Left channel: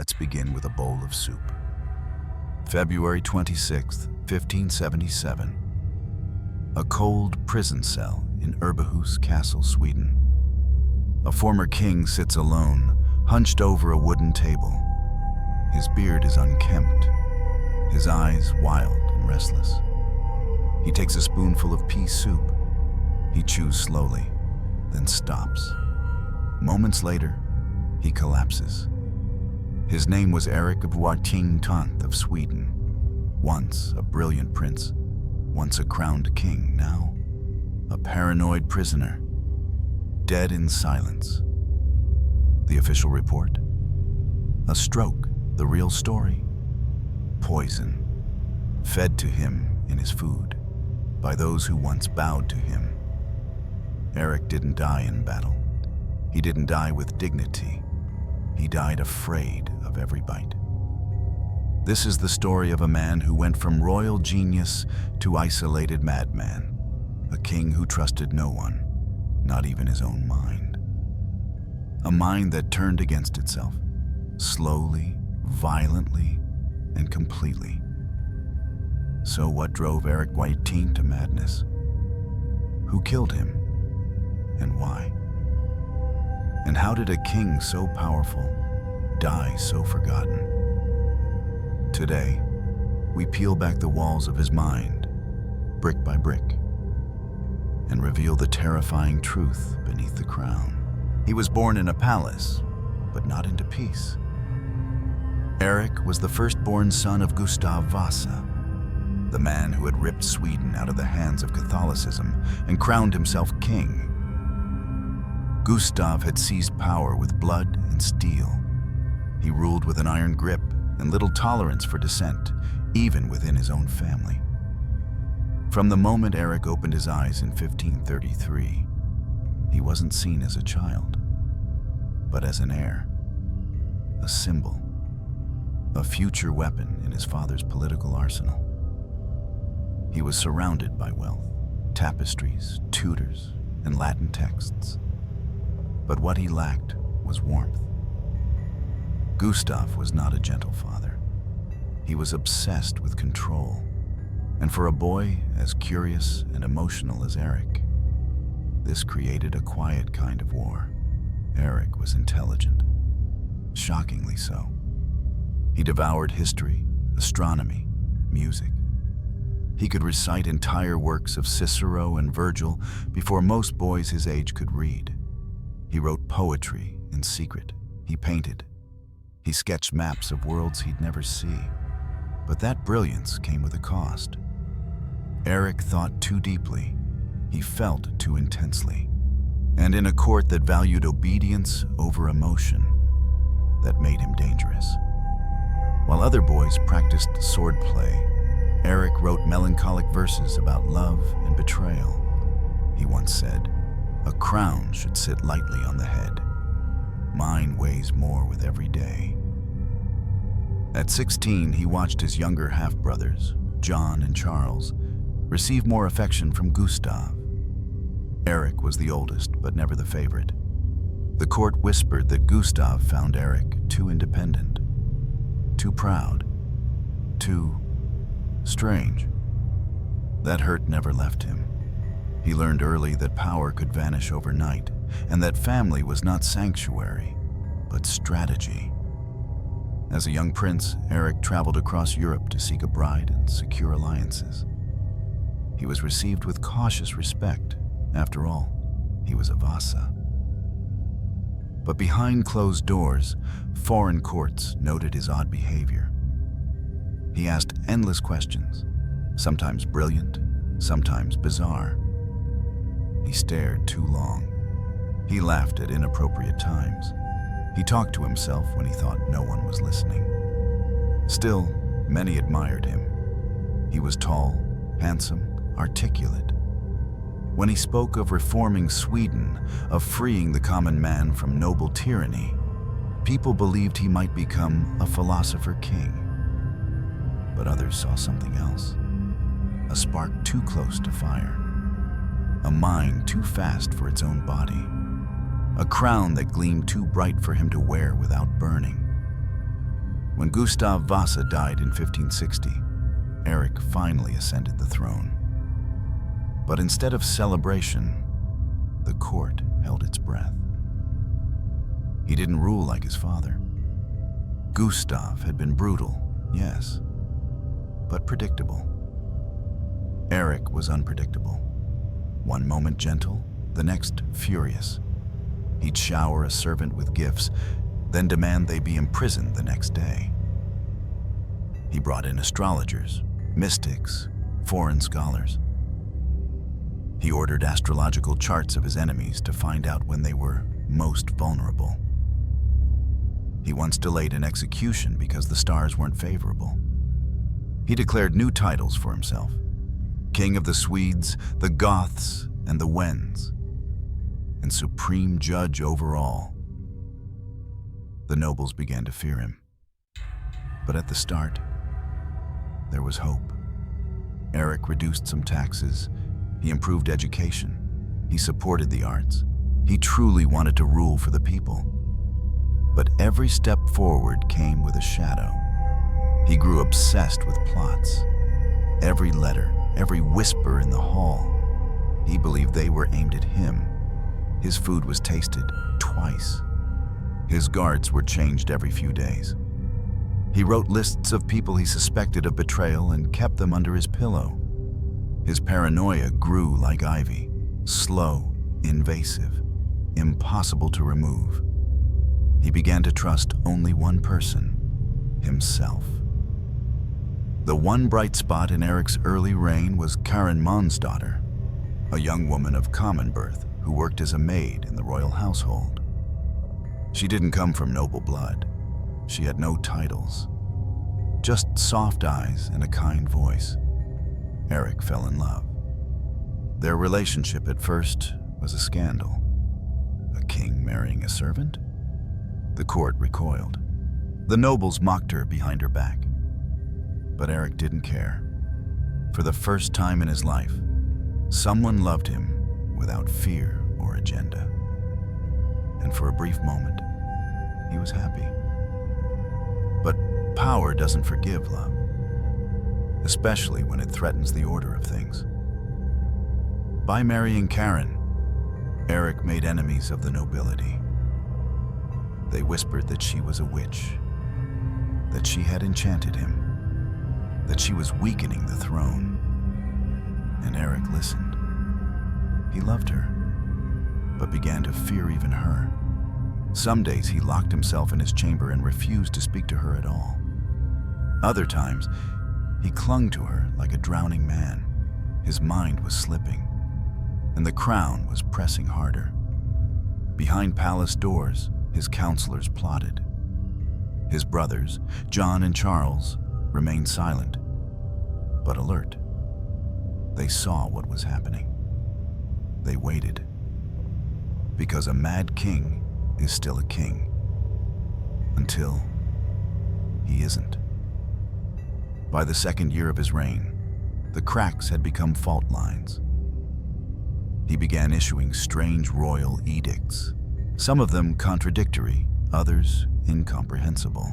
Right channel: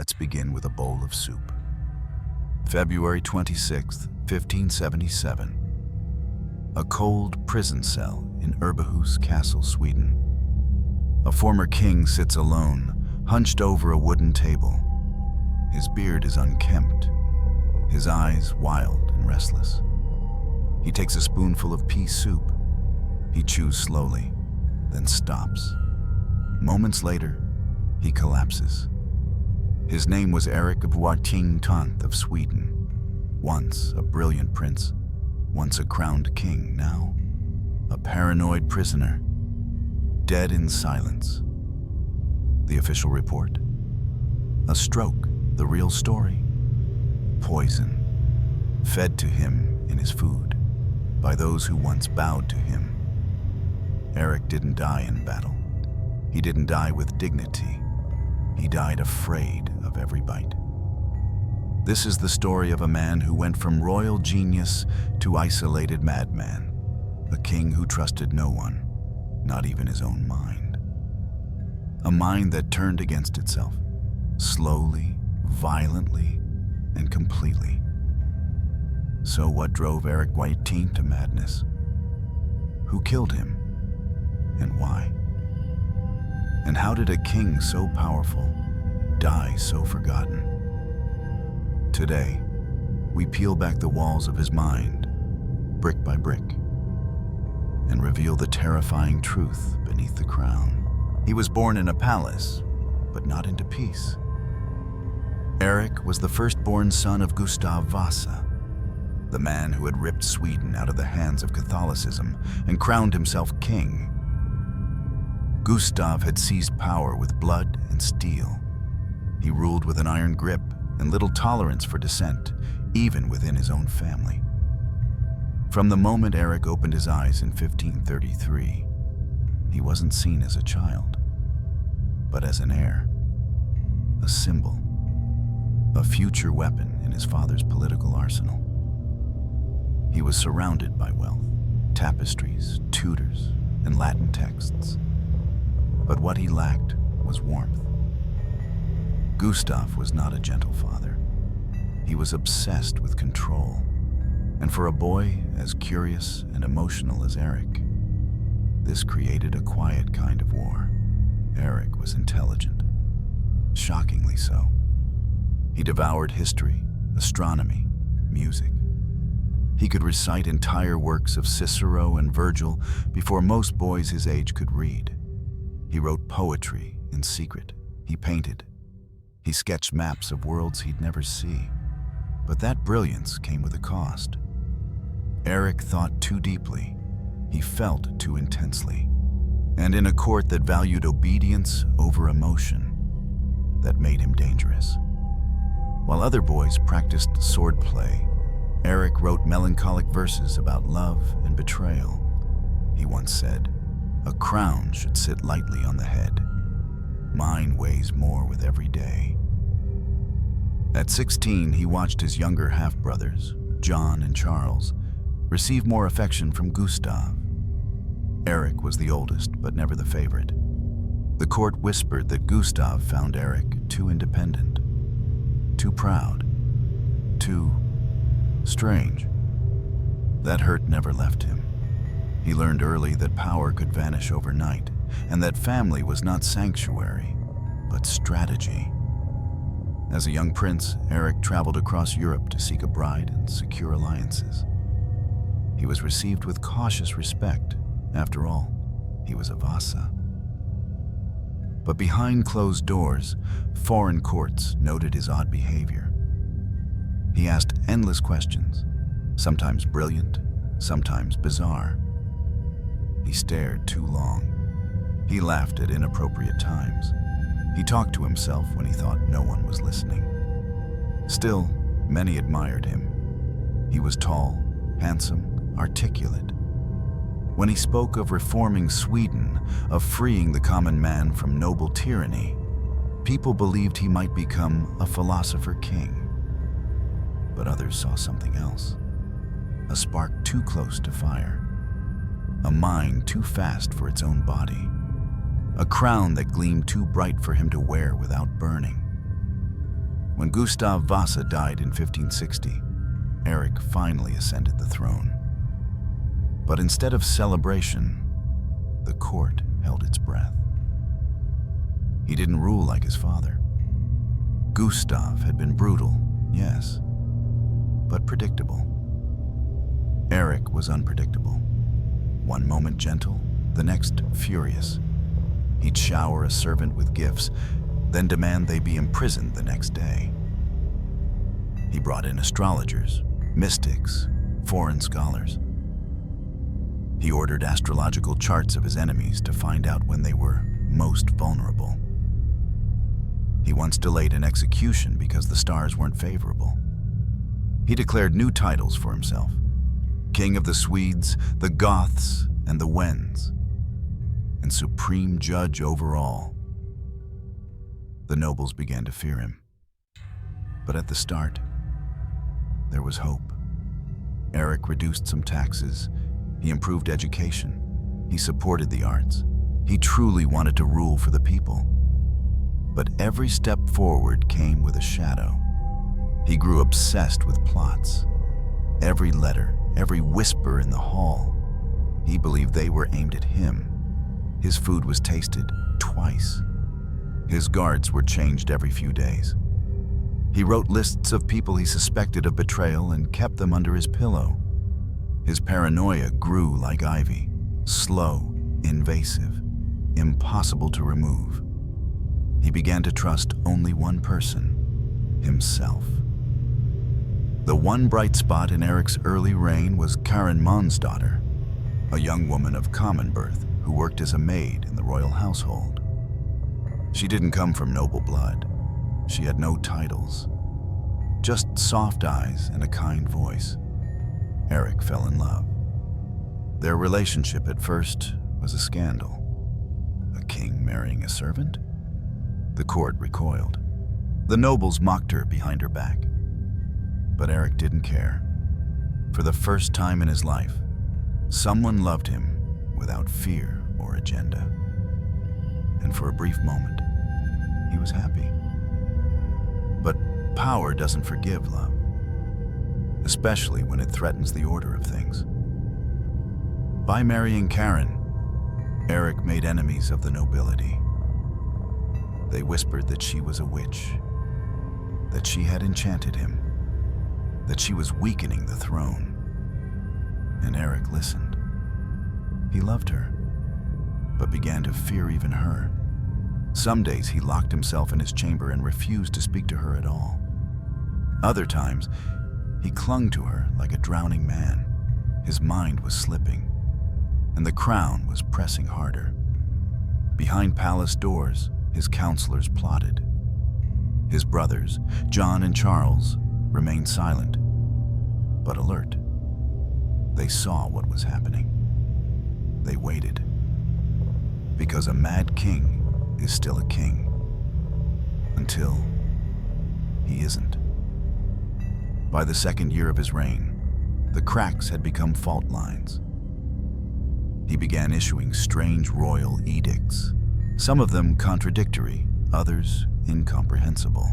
Let's begin with a bowl of soup. February 26, 1577. A cold prison cell in Erbahus Castle, Sweden. A former king sits alone, hunched over a wooden table. His beard is unkempt, his eyes wild and restless. He takes a spoonful of pea soup. He chews slowly, then stops. Moments later, he collapses. His name was Eric XIV of Sweden. Once a brilliant prince, once a crowned king, now a paranoid prisoner, dead in silence. The official report? A stroke, the real story? Poison, fed to him in his food by those who once bowed to him. Eric didn't die in battle. He didn't die with dignity. He died afraid of every bite. This is the story of a man who went from royal genius to isolated madman, a king who trusted no one, not even his own mind. A mind that turned against itself, slowly, violently, and completely. So what drove Eric XIV to madness? Who killed him, and why? And how did a king so powerful die so forgotten? Today, we peel back the walls of his mind, brick by brick, and reveal the terrifying truth beneath the crown. He was born in a palace, but not into peace. Eric was the firstborn son of Gustav Vasa, the man who had ripped Sweden out of the hands of Catholicism and crowned himself king. Gustav had seized power with blood and steel. He ruled with an iron grip and little tolerance for dissent, even within his own family. From the moment Eric opened his eyes in 1533, he wasn't seen as a child, but as an heir, a symbol, a future weapon in his father's political arsenal. He was surrounded by wealth, tapestries, tutors, and Latin texts. But what he lacked was warmth. Gustav was not a gentle father. He was obsessed with control. And for a boy as curious and emotional as Eric, this created a quiet kind of war. Eric was intelligent, shockingly so. He devoured history, astronomy, music. He could recite entire works of Cicero and Virgil before most boys his age could read. He wrote poetry in secret. He painted. He sketched maps of worlds he'd never see. But that brilliance came with a cost. Eric thought too deeply. He felt too intensely. And in a court that valued obedience over emotion, that made him dangerous. While other boys practiced swordplay, Eric wrote melancholic verses about love and betrayal. He once said, "A crown should sit lightly on the head. Mine weighs more with every day." At 16, he watched his younger half-brothers, John and Charles, receive more affection from Gustav. Eric was the oldest, but never the favorite. The court whispered that Gustav found Eric too independent, too proud, too strange. That hurt never left him. He learned early that power could vanish overnight, and that family was not sanctuary, but strategy. As a young prince, Eric traveled across Europe to seek a bride and secure alliances. He was received with cautious respect. After all, he was a Vasa. But behind closed doors, foreign courts noted his odd behavior. He asked endless questions, sometimes brilliant, sometimes bizarre. He stared too long. He laughed at inappropriate times. He talked to himself when he thought no one was listening. Still, many admired him. He was tall, handsome, articulate. When he spoke of reforming Sweden, of freeing the common man from noble tyranny, people believed he might become a philosopher king. But others saw something else. A spark too close to fire. A mind too fast for its own body. A crown that gleamed too bright for him to wear without burning. When Gustav Vasa died in 1560, Eric finally ascended the throne. But instead of celebration, the court held its breath. He didn't rule like his father. Gustav had been brutal, yes, but predictable. Eric was unpredictable. One moment gentle, the next furious. He'd shower a servant with gifts, then demand they be imprisoned the next day. He brought in astrologers, mystics, foreign scholars. He ordered astrological charts of his enemies to find out when they were most vulnerable. He once delayed an execution because the stars weren't favorable. He declared new titles for himself: King of the Swedes, the Goths, and the Wends, and supreme judge over all. The nobles began to fear him. But at the start, there was hope. Eric reduced some taxes. He improved education. He supported the arts. He truly wanted to rule for the people. But every step forward came with a shadow. He grew obsessed with plots. Every letter, every whisper in the hall, he believed they were aimed at him. His food was tasted twice. His guards were changed every few days. He wrote lists of people he suspected of betrayal and kept them under his pillow. His paranoia grew like ivy, slow, invasive, impossible to remove. He began to trust only one person: himself. The one bright spot in Eric's early reign was Karin Månsdotter, a young woman of common birth who worked as a maid in the royal household. She didn't come from noble blood. She had no titles, just soft eyes and a kind voice. Eric fell in love. Their relationship at first was a scandal. A king marrying a servant? The court recoiled. The nobles mocked her behind her back. But Eric didn't care. For the first time in his life, someone loved him without fear or agenda. And for a brief moment, he was happy. But power doesn't forgive love, especially when it threatens the order of things. By marrying Karin, Eric made enemies of the nobility. They whispered that she was a witch, that she had enchanted him, that she was weakening the throne. And Eric listened. He loved her, but began to fear even her. Some days he locked himself in his chamber and refused to speak to her at all. Other times, he clung to her like a drowning man. His mind was slipping, and the crown was pressing harder. Behind palace doors, his counselors plotted. His brothers, John and Charles, remained silent, but alert. They saw what was happening. They waited, because a mad king is still a king, until he isn't. By the second year of his reign, the cracks had become fault lines. He began issuing strange royal edicts, some of them contradictory, others incomprehensible.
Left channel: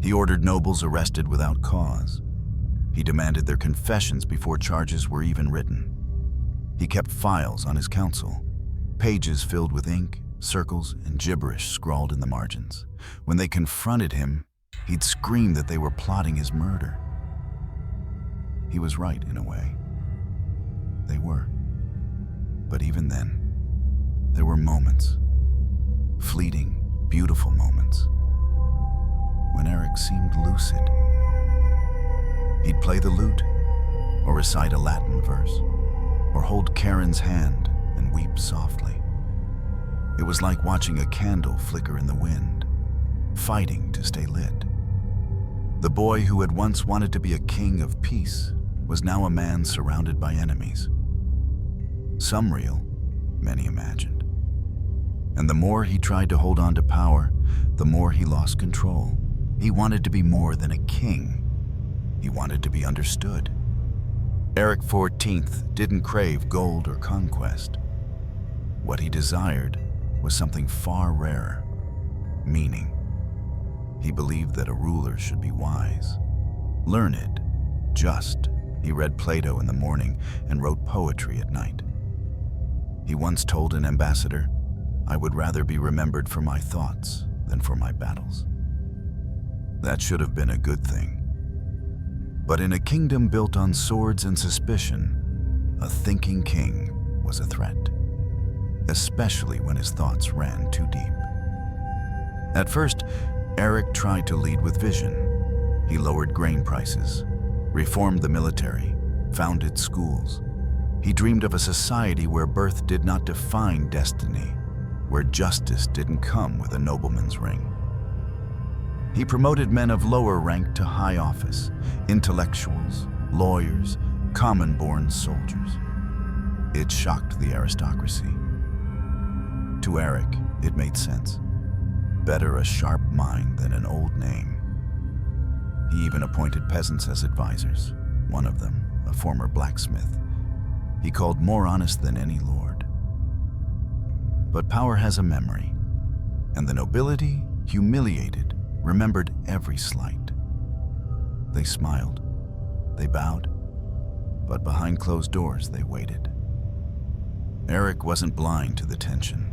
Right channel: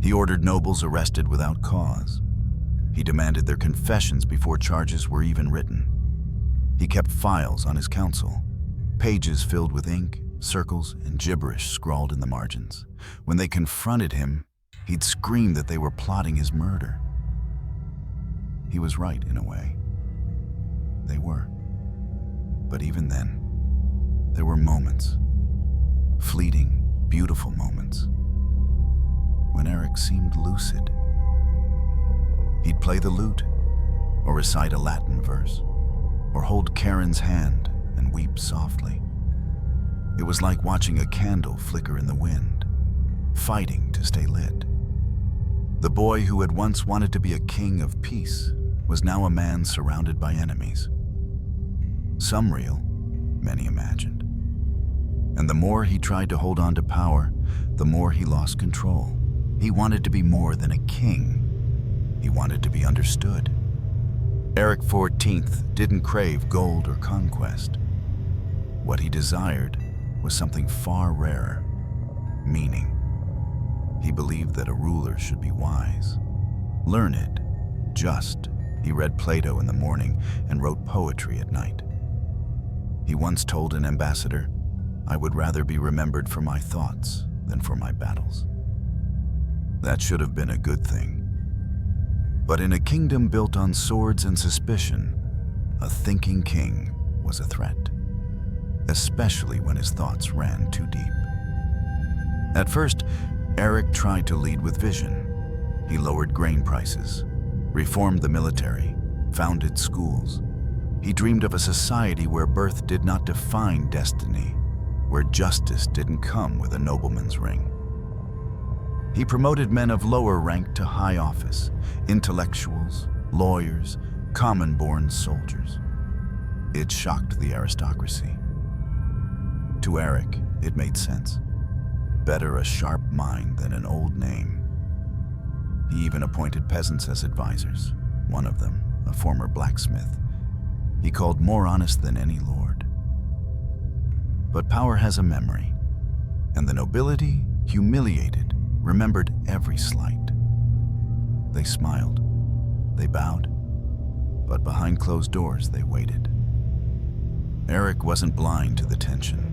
He ordered nobles arrested without cause. He demanded their confessions before charges were even written. He kept files on his council, pages filled with ink, circles, and gibberish scrawled in the margins. When they confronted him, he'd scream that they were plotting his murder. He was right in a way. They were. But even then, there were moments, fleeting, beautiful moments, when Eric seemed lucid. He'd play the lute, or recite a Latin verse, or hold Karin's hand and weep softly. It was like watching a candle flicker in the wind, fighting to stay lit. The boy who had once wanted to be a king of peace was now a man surrounded by enemies. Some real, many imagined. And the more he tried to hold on to power, the more he lost control. He wanted to be more than a king. He wanted to be understood. Eric XIV didn't crave gold or conquest. What he desired was something far rarer: meaning. He believed that a ruler should be wise, learned, just. He read Plato in the morning and wrote poetry at night. He once told an ambassador, "I would rather be remembered for my thoughts than for my battles." That should have been a good thing. But in a kingdom built on swords and suspicion, a thinking king was a threat, especially when his thoughts ran too deep. At first, Eric tried to lead with vision. He lowered grain prices, reformed the military, founded schools. He dreamed of a society where birth did not define destiny, where justice didn't come with a nobleman's ring. He promoted men of lower rank to high office, intellectuals, lawyers, common-born soldiers. It shocked the aristocracy. To Eric, it made sense. Better a sharp mind than an old name. He even appointed peasants as advisors, one of them, a former blacksmith, he called more honest than any lord. But power has a memory, and the nobility, humiliated, remembered every slight. They smiled, they bowed, but behind closed doors they waited. Eric wasn't blind to the tension.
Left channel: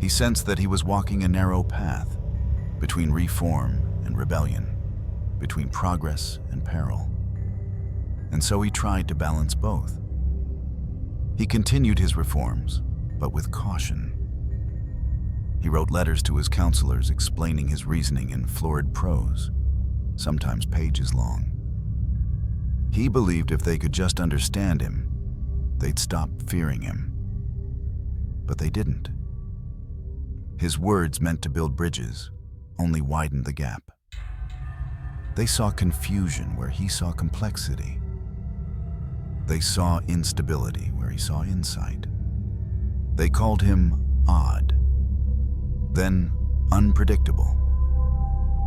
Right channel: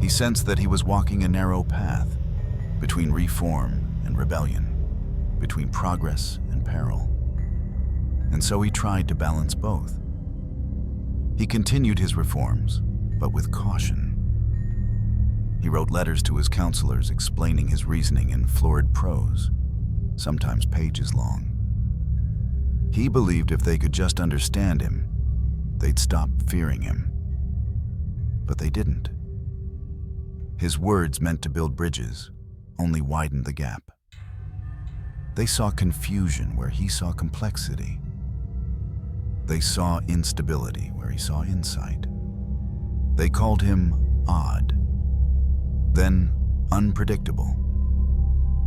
He sensed that he was walking a narrow path between reform and rebellion, between progress and peril. And so he tried to balance both. He continued his reforms, but with caution. He wrote letters to his counselors explaining his reasoning in florid prose, sometimes pages long. He believed if they could just understand him, they'd stop fearing him. But they didn't. His words meant to build bridges, only widened the gap. They saw confusion where he saw complexity. They saw instability where he saw insight. They called him odd, then unpredictable,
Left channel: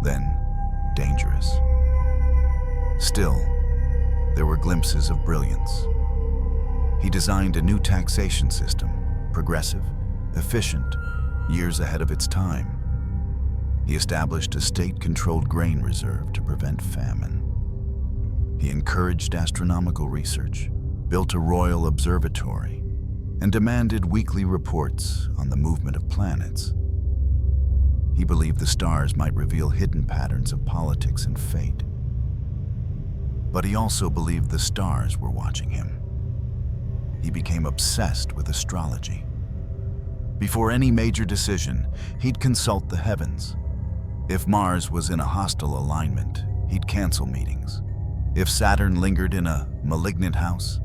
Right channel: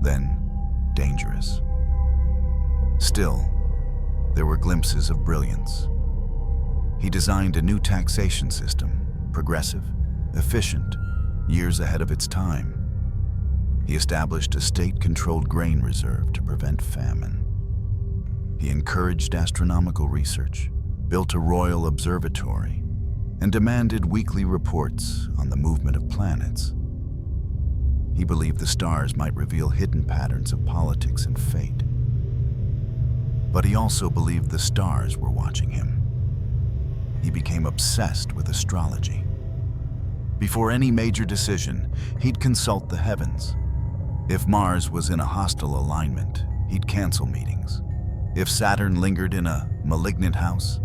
then dangerous. Still, there were glimpses of brilliance. He designed a new taxation system, progressive, efficient, years ahead of its time. He established a state-controlled grain reserve to prevent famine. He encouraged astronomical research, built a royal observatory, and demanded weekly reports on the movement of planets. He believed the stars might reveal hidden patterns of politics and fate. But he also believed the stars were watching him. He became obsessed with astrology. Before any major decision, he'd consult the heavens. If Mars was in a hostile alignment, he'd cancel meetings. If Saturn lingered in a malignant house,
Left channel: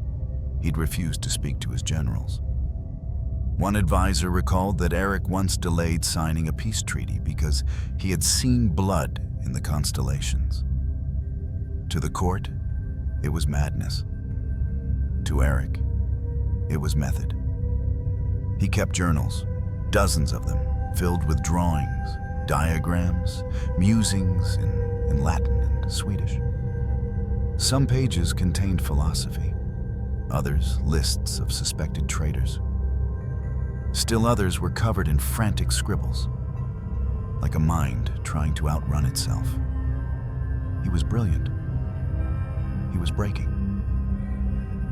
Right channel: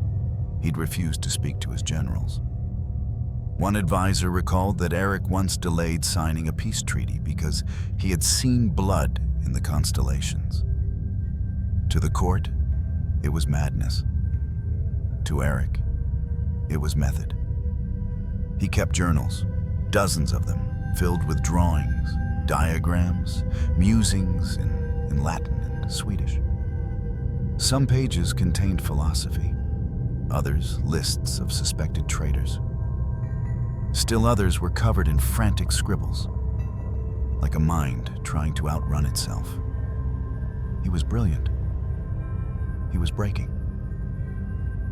he'd refuse to speak to his generals. One advisor recalled that Eric once delayed signing a peace treaty because he had seen blood in the constellations. To the court, it was madness. To Eric, it was method. He kept journals, dozens of them, filled with drawings, diagrams, musings in Latin and Swedish. Some pages contained philosophy, others lists of suspected traitors. Still others were covered in frantic scribbles, like a mind trying to outrun itself. He was brilliant. He was breaking.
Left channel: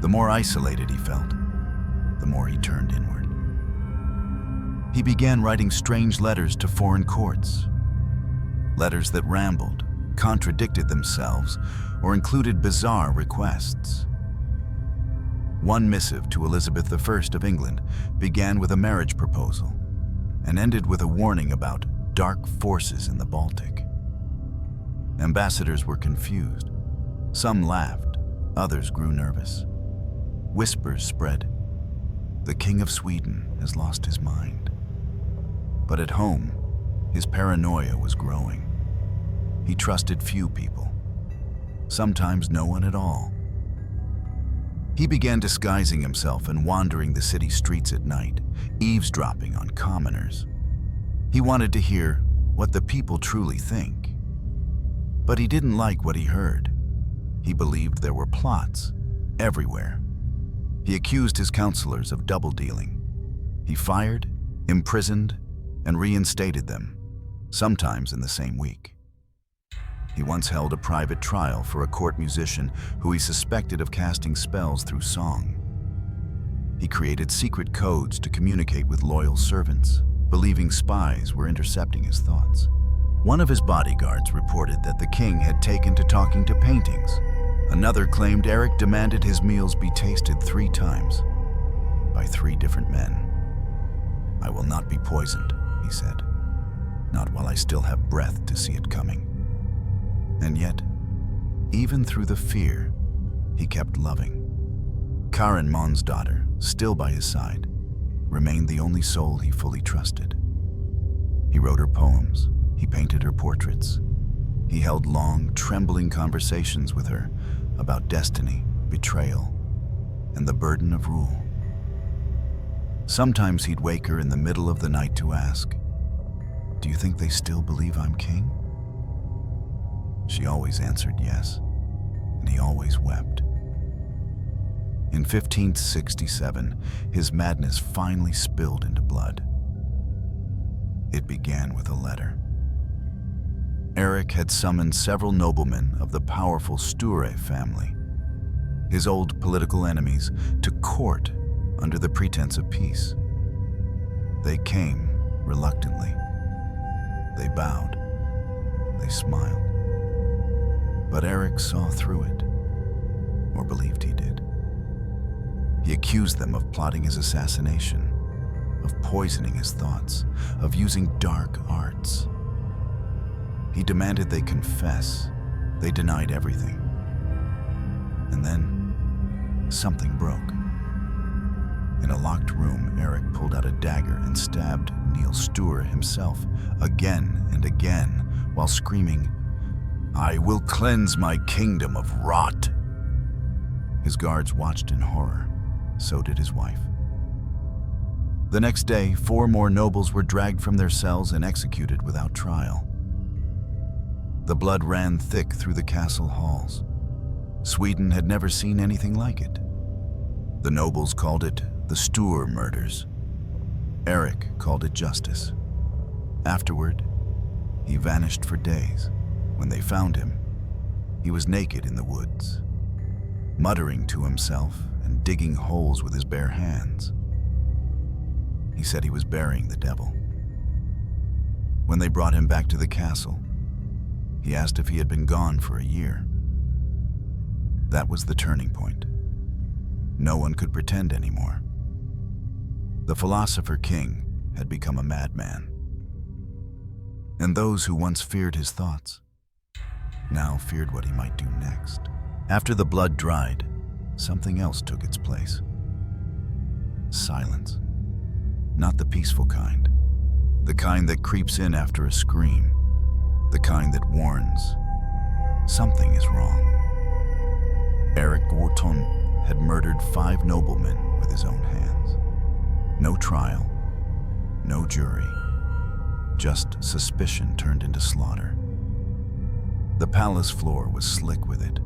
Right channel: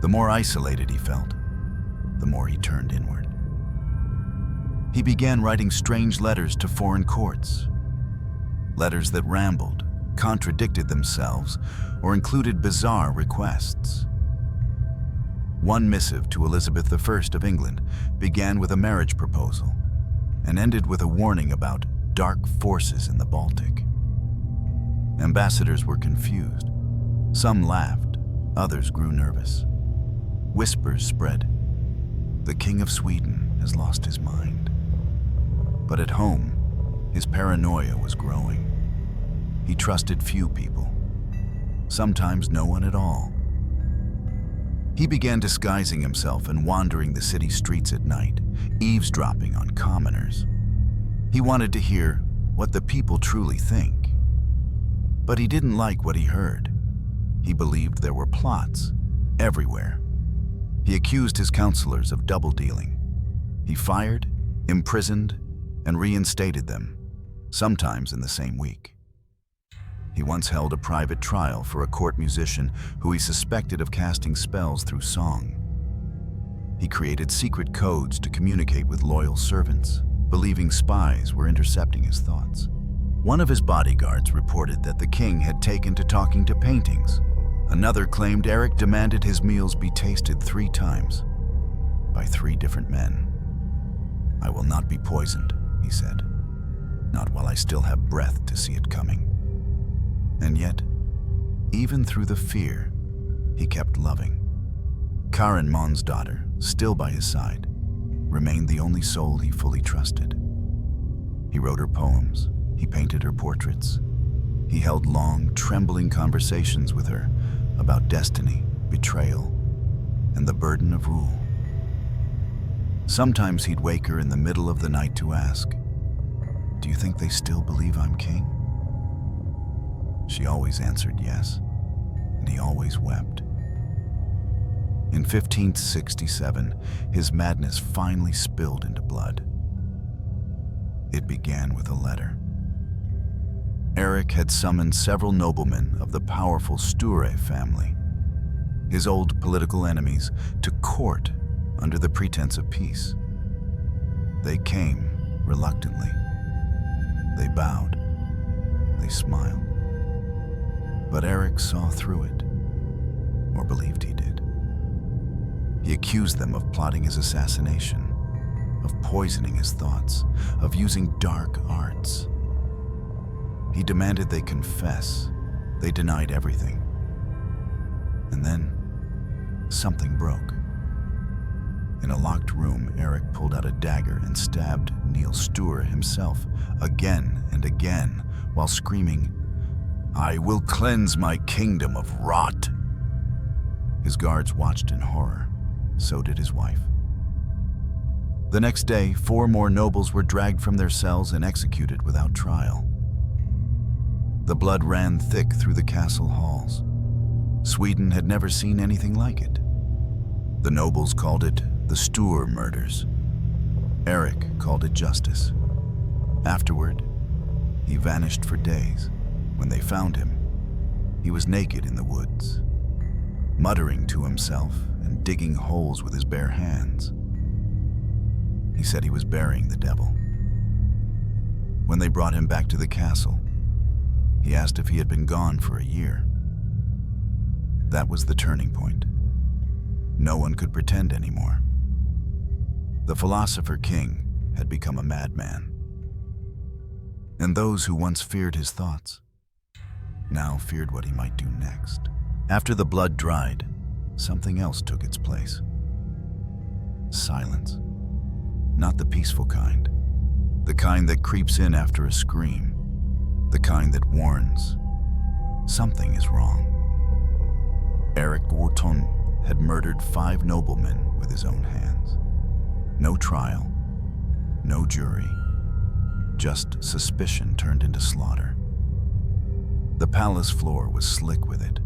The more isolated he felt, the more he turned inward. He began writing strange letters to foreign courts, letters that rambled, contradicted themselves, or included bizarre requests. One missive to Elizabeth I of England began with a marriage proposal and ended with a warning about dark forces in the Baltic. Ambassadors were confused. Some laughed, others grew nervous. Whispers spread. The King of Sweden has lost his mind. But at home, his paranoia was growing. He trusted few people, sometimes no one at all. He began disguising himself and wandering the city streets at night, eavesdropping on commoners. He wanted to hear what the people truly think. But he didn't like what he heard. He believed there were plots everywhere. He accused his counselors of double-dealing. He fired, imprisoned, and reinstated them, sometimes in the same week. He once held a private trial for a court musician who he suspected of casting spells through song. He created secret codes to communicate with loyal servants, believing spies were intercepting his thoughts. One of his bodyguards reported that the king had taken to talking to paintings. Another claimed Eric demanded his meals be tasted 3 times by 3 different men. "I will not be poisoned," he said, "not while I still have breath to see it coming." And yet, even through the fear, he kept loving. Karen Mon's daughter, still by his side, remained the only soul he fully trusted. He wrote her poems, he painted her portraits. He held long, trembling conversations with her about destiny, betrayal, and the burden of rule. Sometimes he'd wake her in the middle of the night to ask, "Do you think they still believe I'm king?" She always answered yes, and he always wept. In 1567, his madness finally spilled into blood. It began with a letter. Eric had summoned several noblemen of the powerful Sture family, his old political enemies, to court under the pretense of peace. They came reluctantly. They bowed. They smiled. But Eric saw through it, or believed he did. He accused them of plotting his assassination, of poisoning his thoughts, of using dark arts. He demanded they confess. They denied everything. And then, something broke. In a locked room, Eric pulled out a dagger and stabbed Niels Sture himself again and again while screaming, "I will cleanse my kingdom of rot." His guards watched in horror. So did his wife. The next day, 4 more nobles were dragged from their cells and executed without trial. The blood ran thick through the castle halls. Sweden had never seen anything like it. The nobles called it the Sture murders. Eric called it justice. Afterward, he vanished for days. When they found him, he was naked in the woods, muttering to himself and digging holes with his bare hands. He said he was burying the devil. When they brought him back to the castle, he asked if he had been gone for a year. That was the turning point. No one could pretend anymore. The philosopher king had become a madman. And those who once feared his thoughts now feared what he might do next. After the blood dried, something else took its place. Silence. Not the peaceful kind. The kind that creeps in after a scream. The kind that warns. Something is wrong. Eric XIV had murdered 5 noblemen with his own hands. No trial. No jury. Just suspicion turned into slaughter. The palace floor was slick with it,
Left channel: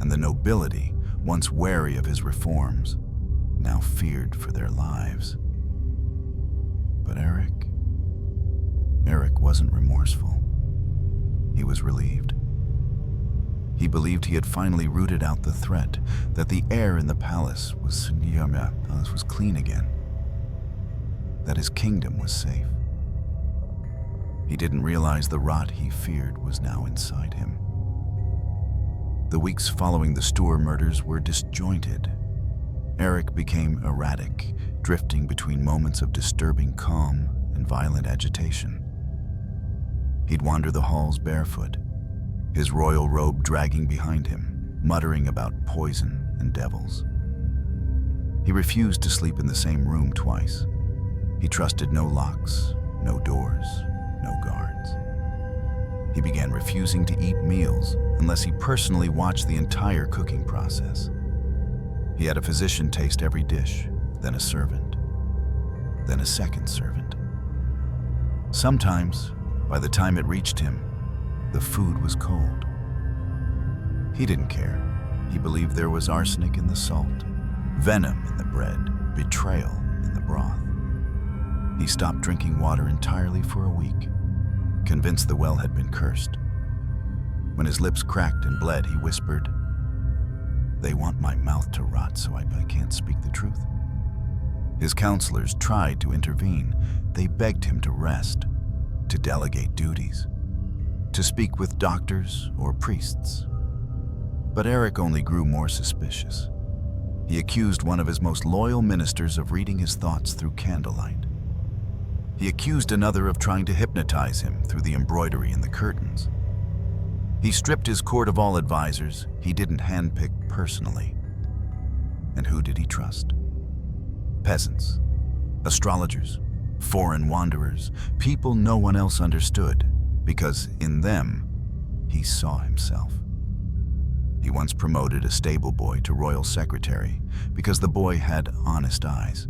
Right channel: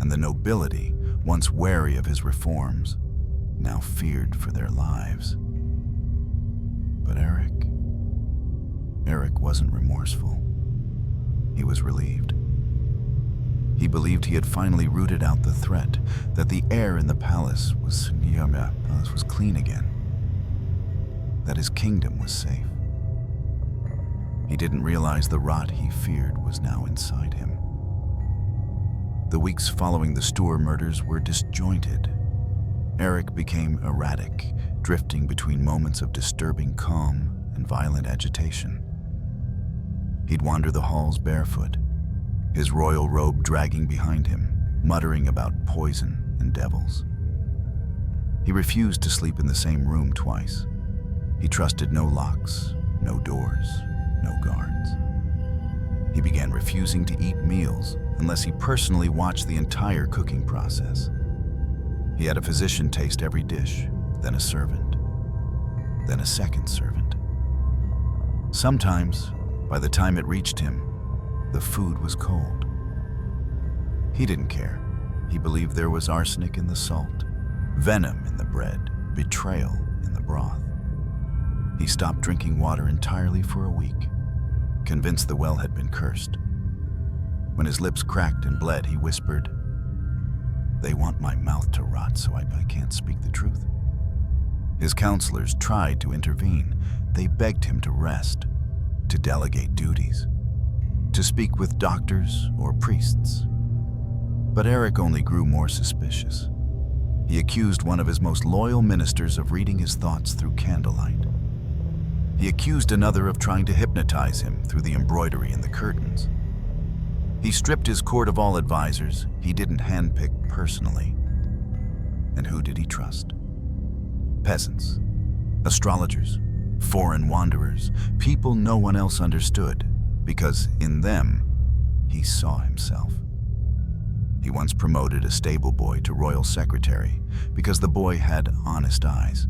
and the nobility, once wary of his reforms, now feared for their lives. But Eric wasn't remorseful. He was relieved. He believed he had finally rooted out the threat, that the air in the palace was clean again, that his kingdom was safe. He didn't realize the rot he feared was now inside him. The weeks following the Sture murders were disjointed. Eric became erratic, drifting between moments of disturbing calm and violent agitation. He'd wander the halls barefoot, his royal robe dragging behind him, muttering about poison and devils. He refused to sleep in the same room twice. He trusted no locks, no doors, no guards. He began refusing to eat meals unless he personally watched the entire cooking process. He had a physician taste every dish, then a servant, then a second servant. Sometimes, by the time it reached him, the food was cold. He didn't care. He believed there was arsenic in the salt, venom in the bread, betrayal in the broth. He stopped drinking water entirely for a week. convinced the well had been cursed. When his lips cracked and bled, he whispered, "They want my mouth to rot so I can't speak the truth." His counselors tried to intervene. They begged him to rest, to delegate duties, to speak with doctors or priests. But Eric only grew more suspicious. He accused one of his most loyal ministers of reading his thoughts through candlelight. He accused another of trying to hypnotize him through the embroidery in the curtains. He stripped his court of all advisors he didn't handpick personally. And who did he trust? Peasants, astrologers, foreign wanderers, people no one else understood, because in them, he saw himself. He once promoted a stable boy to royal secretary because the boy had honest eyes.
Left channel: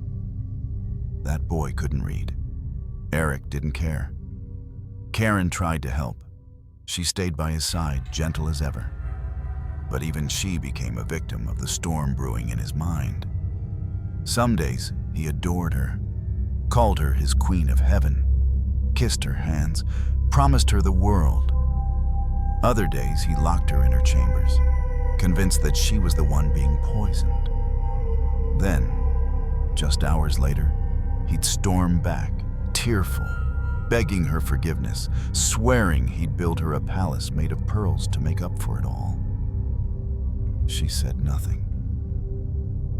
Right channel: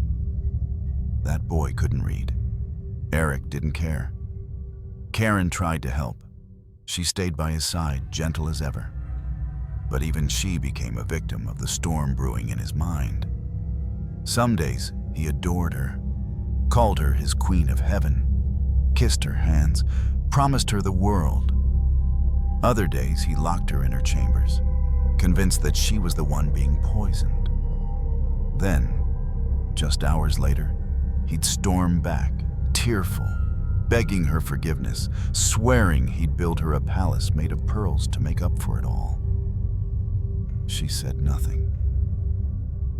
That boy couldn't read. Eric didn't care. Karen tried to help. She stayed by his side, gentle as ever. But even she became a victim of the storm brewing in his mind. Some days, he adored her, called her his queen of heaven, kissed her hands, promised her the world. Other days, he locked her in her chambers, convinced that she was the one being poisoned. Then, just hours later, he'd storm back, tearful, begging her forgiveness, swearing he'd build her a palace made of pearls to make up for it all. She said nothing.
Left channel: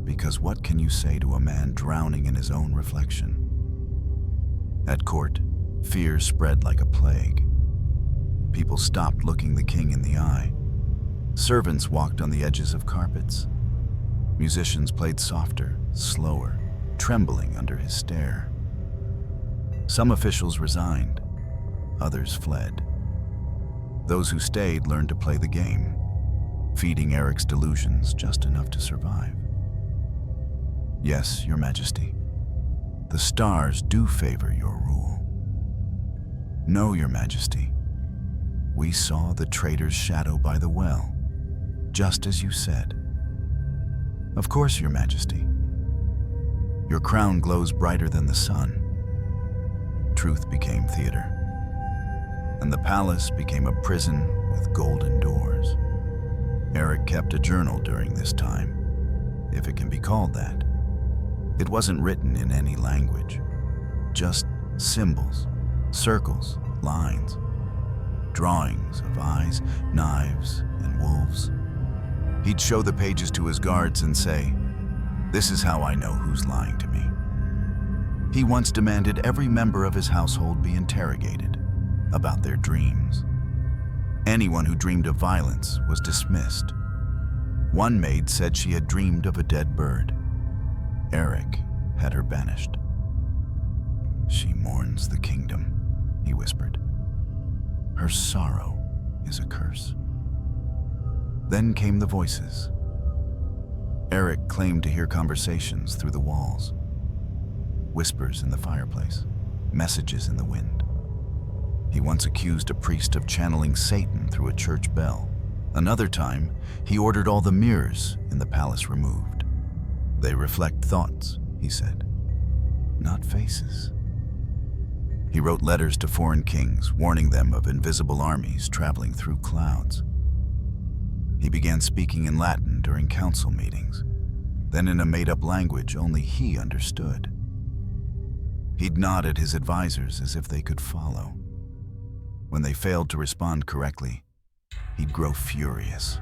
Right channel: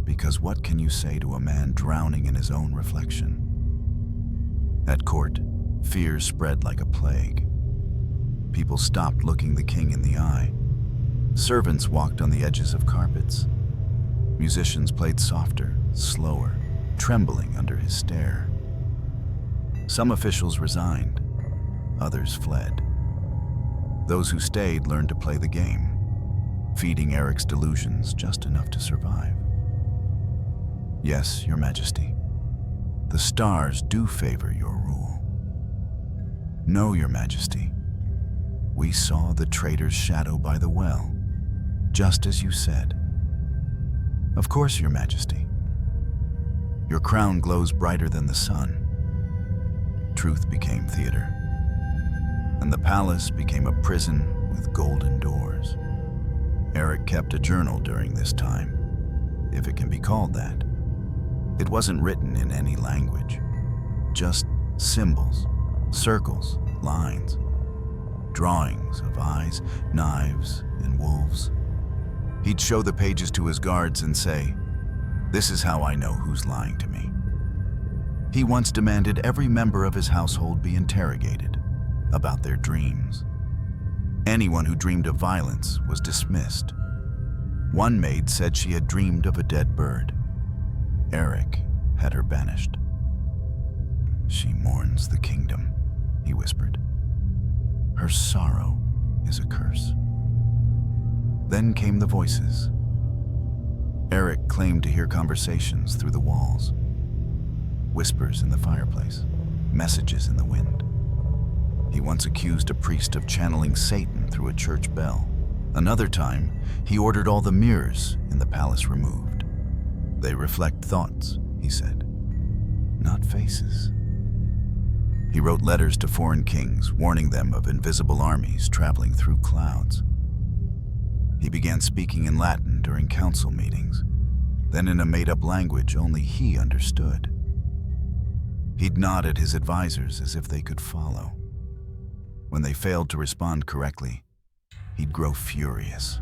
Because what can you say to a man drowning in his own reflection? At court, fear spread like a plague. People stopped looking the king in the eye. Servants walked on the edges of carpets. Musicians played softer, slower, trembling under his stare. Some officials resigned, others fled. Those who stayed learned to play the game, feeding Eric's delusions just enough to survive. Yes, Your Majesty, the stars do favor your rule. No, Your Majesty, we saw the traitor's shadow by the well, just as you said. Of course, Your Majesty. Your crown glows brighter than the sun. Truth became theater, and the palace became a prison with golden doors. Eric kept a journal during this time, if it can be called that. It wasn't written in any language, just symbols, circles, lines, drawings of eyes, knives, and wolves. He'd show the pages to his guards and say, "This is how I know who's lying to me." He once demanded every member of his household be interrogated about their dreams. Anyone who dreamed of violence was dismissed. One maid said she had dreamed of a dead bird. Eric had her banished. "She mourns the kingdom," he whispered. "Her sorrow is a curse." Then came the voices. Eric claimed to hear conversations through the walls. Whispers in the fireplace, messages in the wind. He once accused a priest of channeling Satan through a church bell. Another time, he ordered all the mirrors in the palace removed. "They reflect thoughts," he said, "not faces." He wrote letters to foreign kings, warning them of invisible armies traveling through clouds. He began speaking in Latin during council meetings, then in a made-up language only he understood. He'd nod at his advisors as if they could follow. When they failed to respond correctly, he'd grow furious.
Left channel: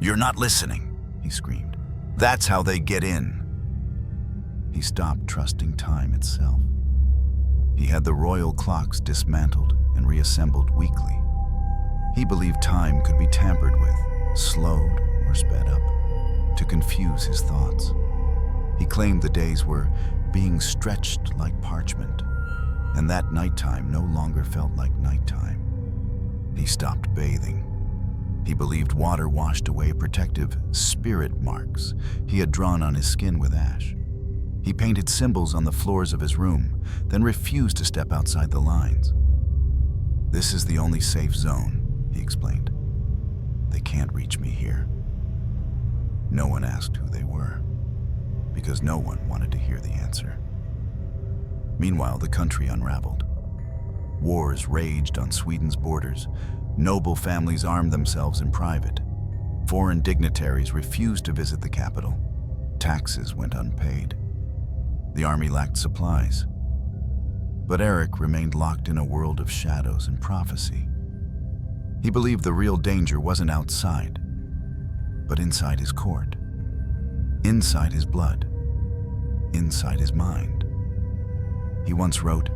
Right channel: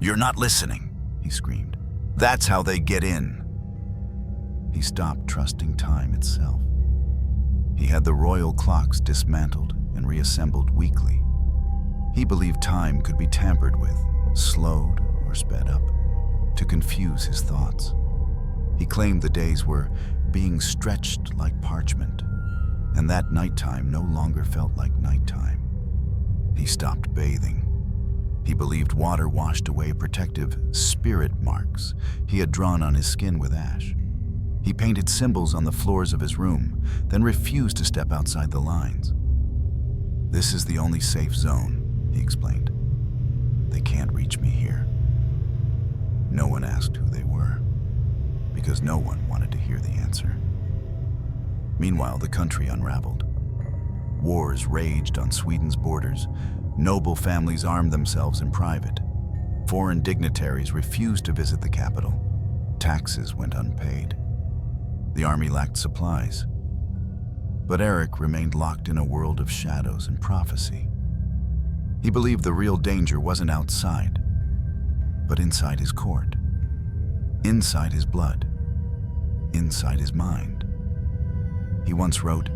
"You're not listening," he screamed. "That's how they get in." He stopped trusting time itself. He had the royal clocks dismantled and reassembled weekly. He believed time could be tampered with, slowed or sped up, to confuse his thoughts. He claimed the days were being stretched like parchment, and that nighttime no longer felt like nighttime. He stopped bathing. He believed water washed away protective spirit marks he had drawn on his skin with ash. He painted symbols on the floors of his room, then refused to step outside the lines. "This is the only safe zone," he explained. "They can't reach me here." No one asked who they were, because no one wanted to hear the answer. Meanwhile, the country unraveled. Wars raged on Sweden's borders. Noble families armed themselves in private. Foreign dignitaries refused to visit the capital. Taxes went unpaid. The army lacked supplies. But Eric remained locked in a world of shadows and prophecy. He believed the real danger wasn't outside, but inside his court, inside his blood, inside his mind. He once wrote,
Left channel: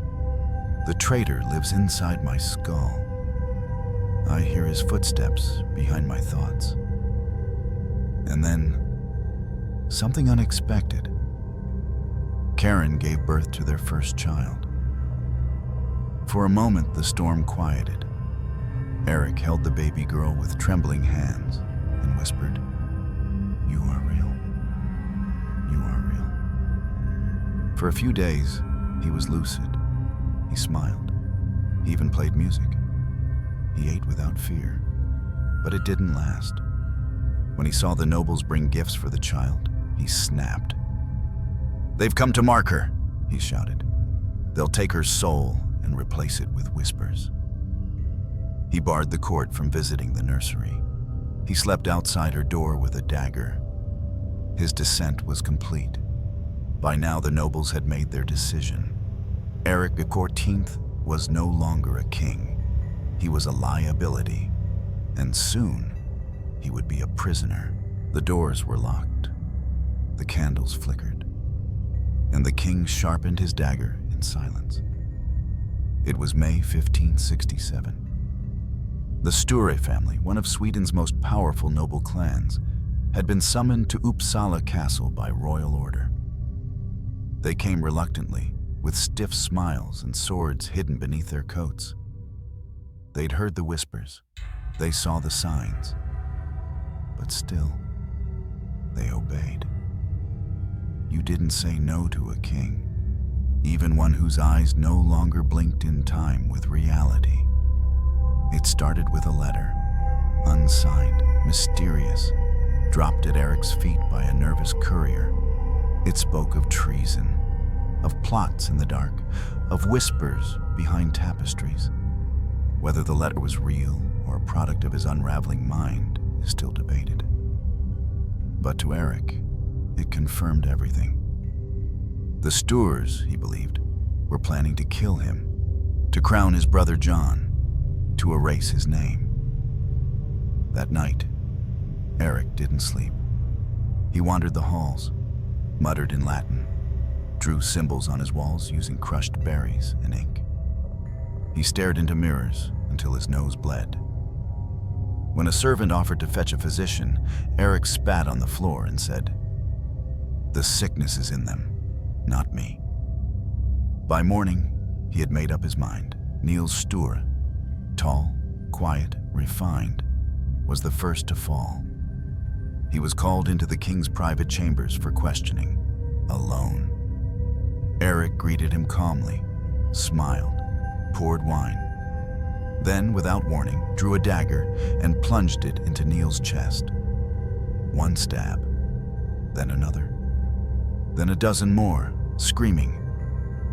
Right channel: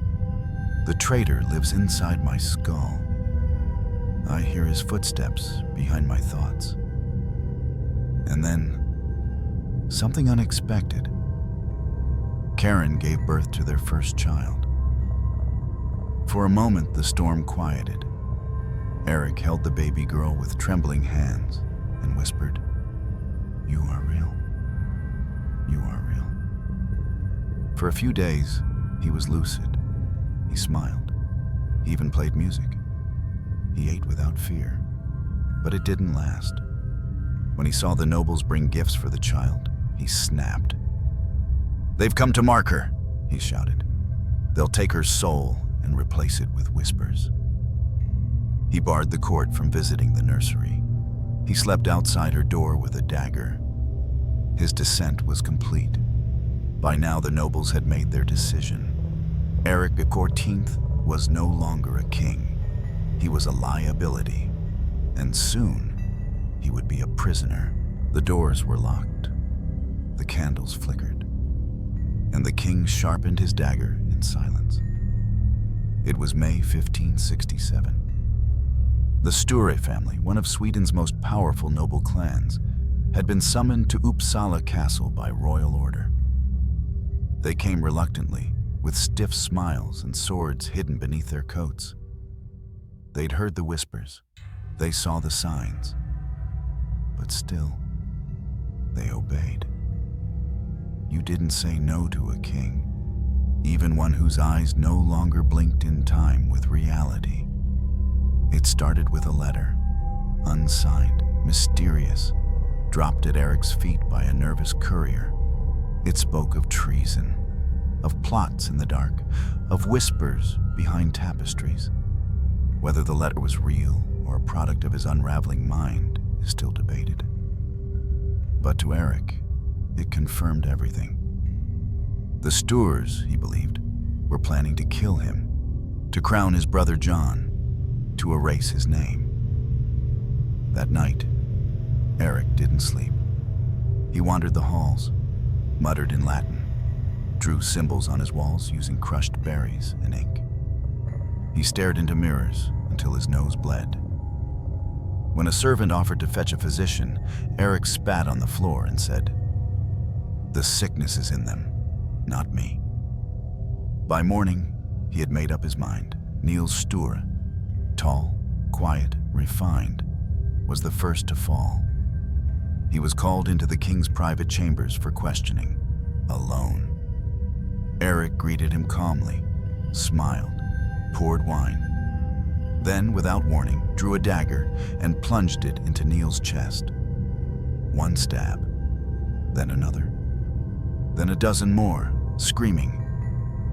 "The traitor lives inside my skull. I hear his footsteps behind my thoughts." And then, something unexpected. Karen gave birth to their first child. For a moment, the storm quieted. Eric held the baby girl with trembling hands and whispered, "You are real. You are real." For a few days, he was lucid. He smiled. He even played music. He ate without fear. But it didn't last. When he saw the nobles bring gifts for the child, he snapped. "They've come to mark her," he shouted. "They'll take her soul and replace it with whispers." He barred the court from visiting the nursery. He slept outside her door with a dagger. His descent was complete. By now, the nobles had made their decision. Eric XIV was no longer a king. He was a liability, and soon he would be a prisoner. The doors were locked. The candles flickered, and the king sharpened his dagger in silence. It was May 1567. The Sture family, one of Sweden's most powerful noble clans, had been summoned to Uppsala Castle by royal order. They came reluctantly, with stiff smiles and swords hidden beneath their coats. They'd heard the whispers. They saw the signs. But still, they obeyed. You didn't say no to a king, even one whose eyes no longer blinked in time with reality. It started with a letter, unsigned, mysterious, dropped at Eric's feet by a nervous courier. It spoke of treason, of plots in the dark, of whispers behind tapestries. Whether the letter was real or a product of his unraveling mind is still debated. But to Eric, it confirmed everything. The Stures, he believed, were planning to kill him, to crown his brother John, to erase his name. That night, Eric didn't sleep. He wandered the halls, muttered in Latin, drew symbols on his walls using crushed berries and ink. He stared into mirrors until his nose bled. When a servant offered to fetch a physician, Eric spat on the floor and said, "The sickness is in them, not me." By morning, he had made up his mind. Niels Sture, tall, quiet, refined, was the first to fall. He was called into the king's private chambers for questioning, alone. Eric greeted him calmly, smiled, poured wine, then, without warning, drew a dagger and plunged it into Niels' chest. One stab, then another, then a dozen more, screaming,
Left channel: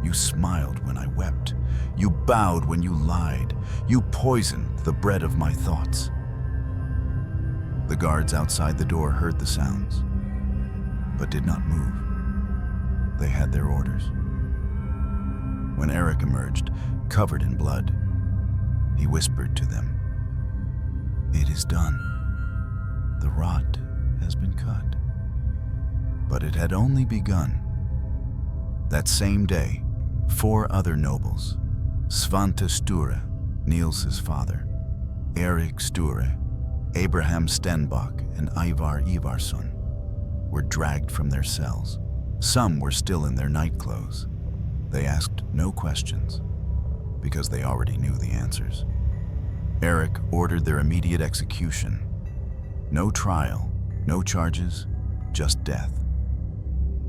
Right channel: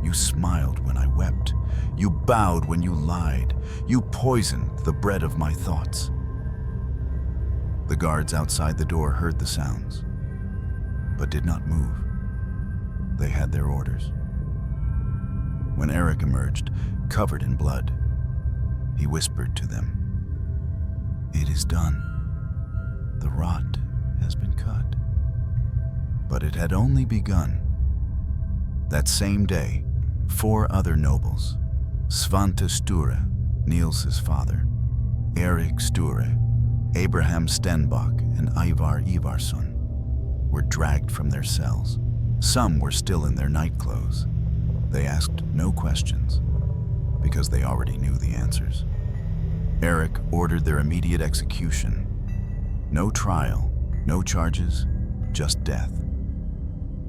"You smiled when I wept. You bowed when you lied. You poisoned the bread of my thoughts." The guards outside the door heard the sounds, but did not move. They had their orders. When Eric emerged, covered in blood, he whispered to them, "It is done. The rot has been cut." But it had only begun. That same day, 4 other nobles, Svante Sture, Niels' father, Eric Sture, Abraham Stenbock, and Ivar Ivarsson, were dragged from their cells. Some were still in their nightclothes. They asked no questions, because they already knew the answers. Eric ordered their immediate execution. No trial, no charges, just death.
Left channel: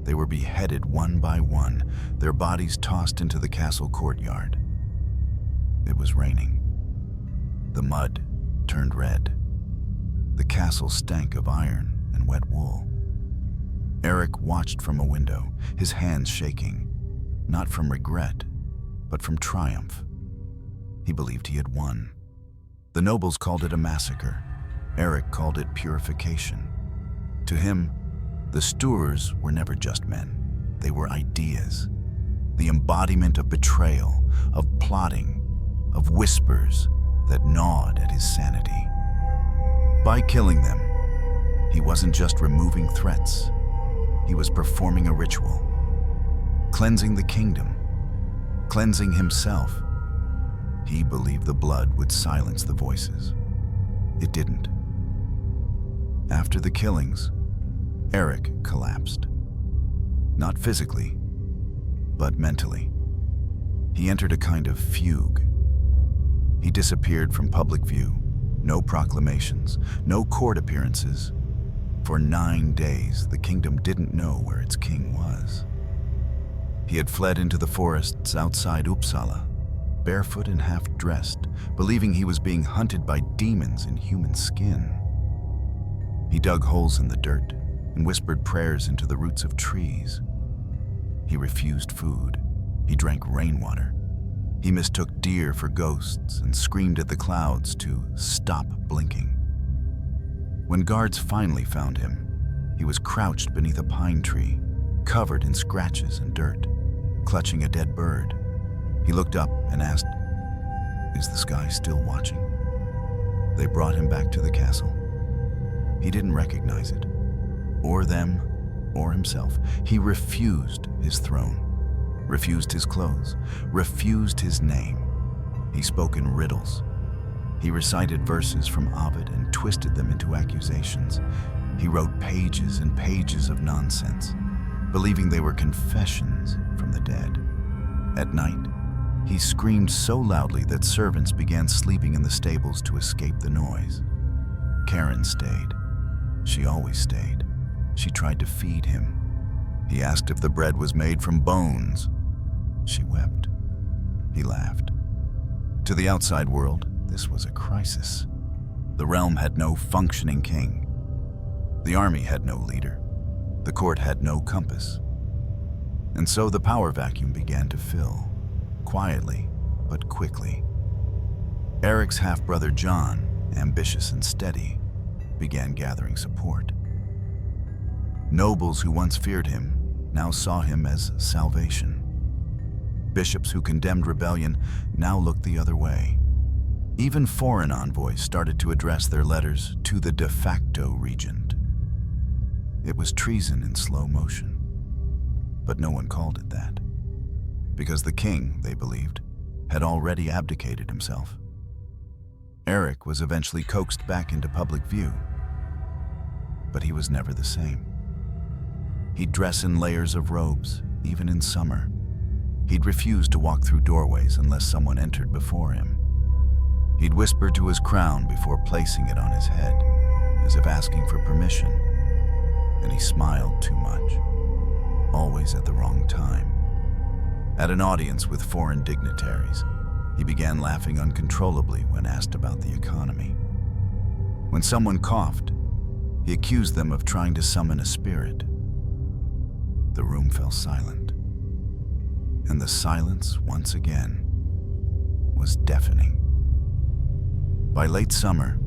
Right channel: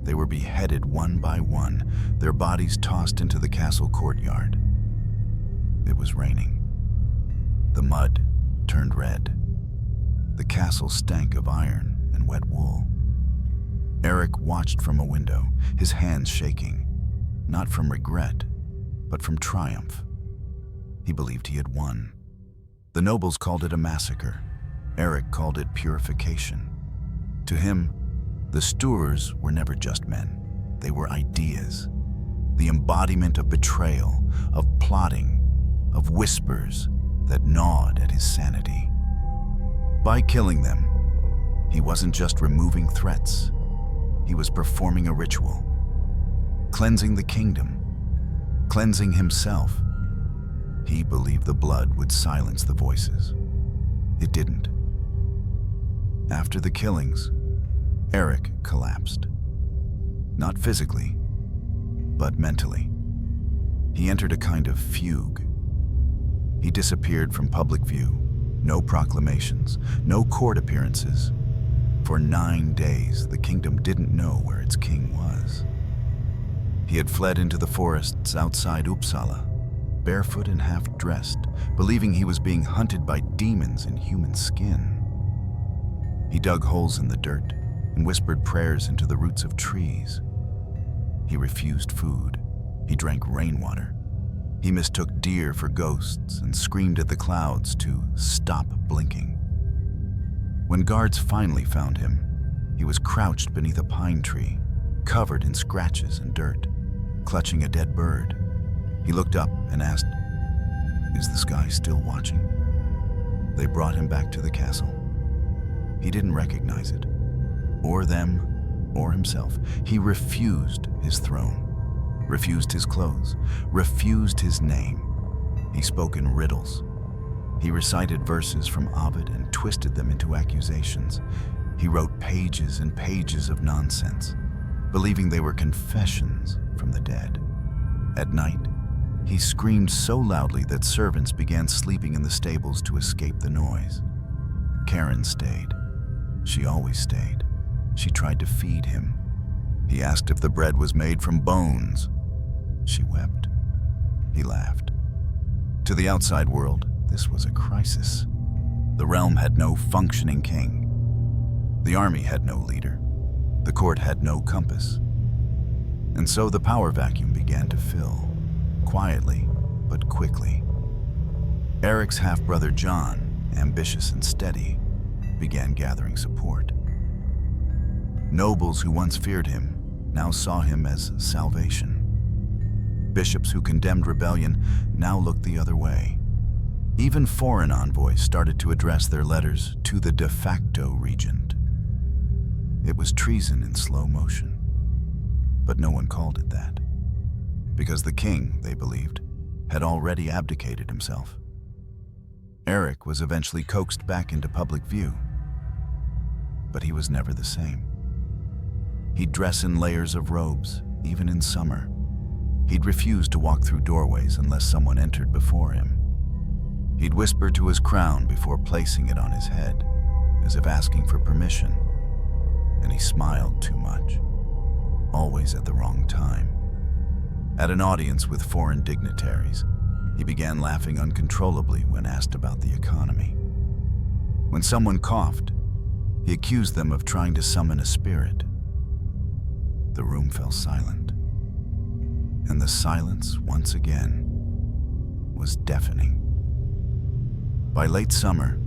They were beheaded one by one, their bodies tossed into the castle courtyard. It was raining. The mud turned red. The castle stank of iron and wet wool. Eric watched from a window, his hands shaking, not from regret, but from triumph. He believed he had won. The nobles called it a massacre. Eric called it purification. To him, the Sturs were never just men. They were ideas, the embodiment of betrayal, of plotting, of whispers that gnawed at his sanity. By killing them, he wasn't just removing threats. He was performing a ritual, cleansing the kingdom, cleansing himself. He believed the blood would silence the voices. It didn't. After the killings, Eric collapsed. Not physically, but mentally. He entered a kind of fugue. He disappeared from public view. No proclamations, no court appearances. For 9 days, the kingdom didn't know where its king was. He had fled into the forests outside Uppsala, barefoot and half-dressed, believing he was being hunted by demons in human skin. He dug holes in the dirt and whispered prayers into the roots of trees. He refused food. He drank rainwater. He mistook deer for ghosts and screamed at the clouds to stop blinking. When guards finally found him, he was crouched beneath a pine tree, covered in scratches and dirt, clutching a dead bird. He looked up and asked, "Is the sky still watching?" They brought him back to the castle. He didn't recognize it, or them, or himself. He refused his throne, refused his clothes, refused his name. He spoke in riddles. He recited verses from Ovid and twisted them into accusations. He wrote pages and pages of nonsense, believing they were confessions from the dead. At night, he screamed so loudly that servants began sleeping in the stables to escape the noise. Karen stayed. She always stayed. She tried to feed him. He asked if the bread was made from bones. She wept. He laughed. To the outside world, this was a crisis. The realm had no functioning king. The army had no leader. The court had no compass. And so the power vacuum began to fill, quietly but quickly. Eric's half-brother John, ambitious and steady, began gathering support. Nobles who once feared him now saw him as salvation. Bishops who condemned rebellion now looked the other way. Even foreign envoys started to address their letters to the de facto regent. It was treason in slow motion, but no one called it that, because the king, they believed, had already abdicated himself. Eric was eventually coaxed back into public view, but he was never the same. He'd dress in layers of robes, even in summer. He'd refuse to walk through doorways unless someone entered before him. He'd whisper to his crown before placing it on his head, as if asking for permission. And he smiled too much, always at the wrong time. At an audience with foreign dignitaries, he began laughing uncontrollably when asked about the economy. When someone coughed, he accused them of trying to summon a spirit. The room fell silent, and the silence, once again, was deafening. By late summer,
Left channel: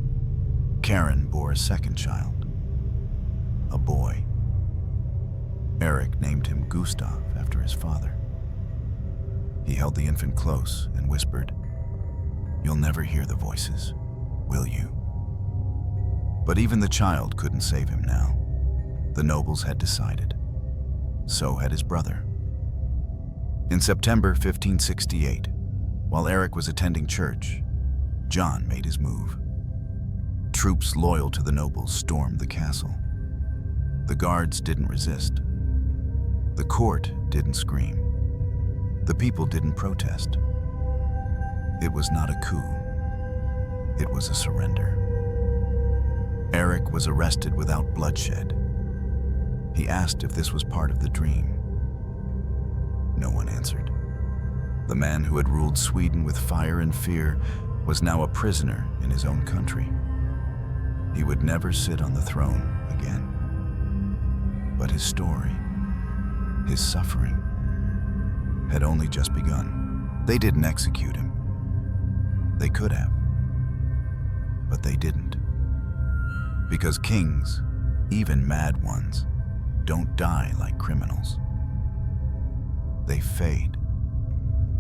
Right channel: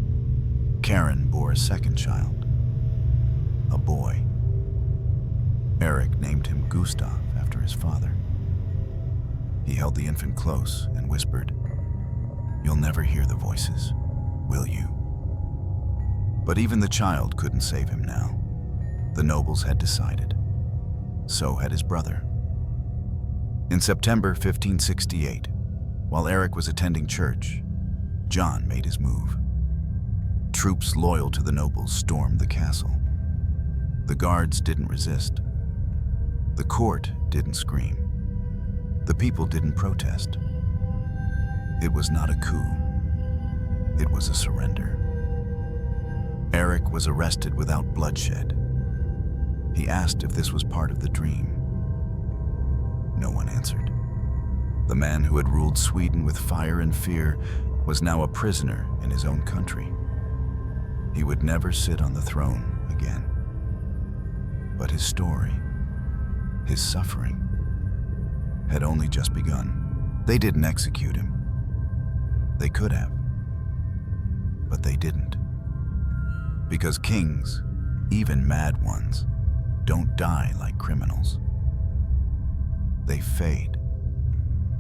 Karen bore a second child, a boy. Eric named him Gustav after his father. He held the infant close and whispered, "You'll never hear the voices, will you?" But even the child couldn't save him now. The nobles had decided. So had his brother. In September 1568, while Eric was attending church, John made his move. Troops loyal to the nobles stormed the castle. The guards didn't resist. The court didn't scream. The people didn't protest. It was not a coup. It was a surrender. Eric was arrested without bloodshed. He asked if this was part of the dream. No one answered. The man who had ruled Sweden with fire and fear was now a prisoner in his own country. He would never sit on the throne again. But his story, his suffering, had only just begun. They didn't execute him. They could have, but they didn't. Because kings, even mad ones, don't die like criminals. They fade,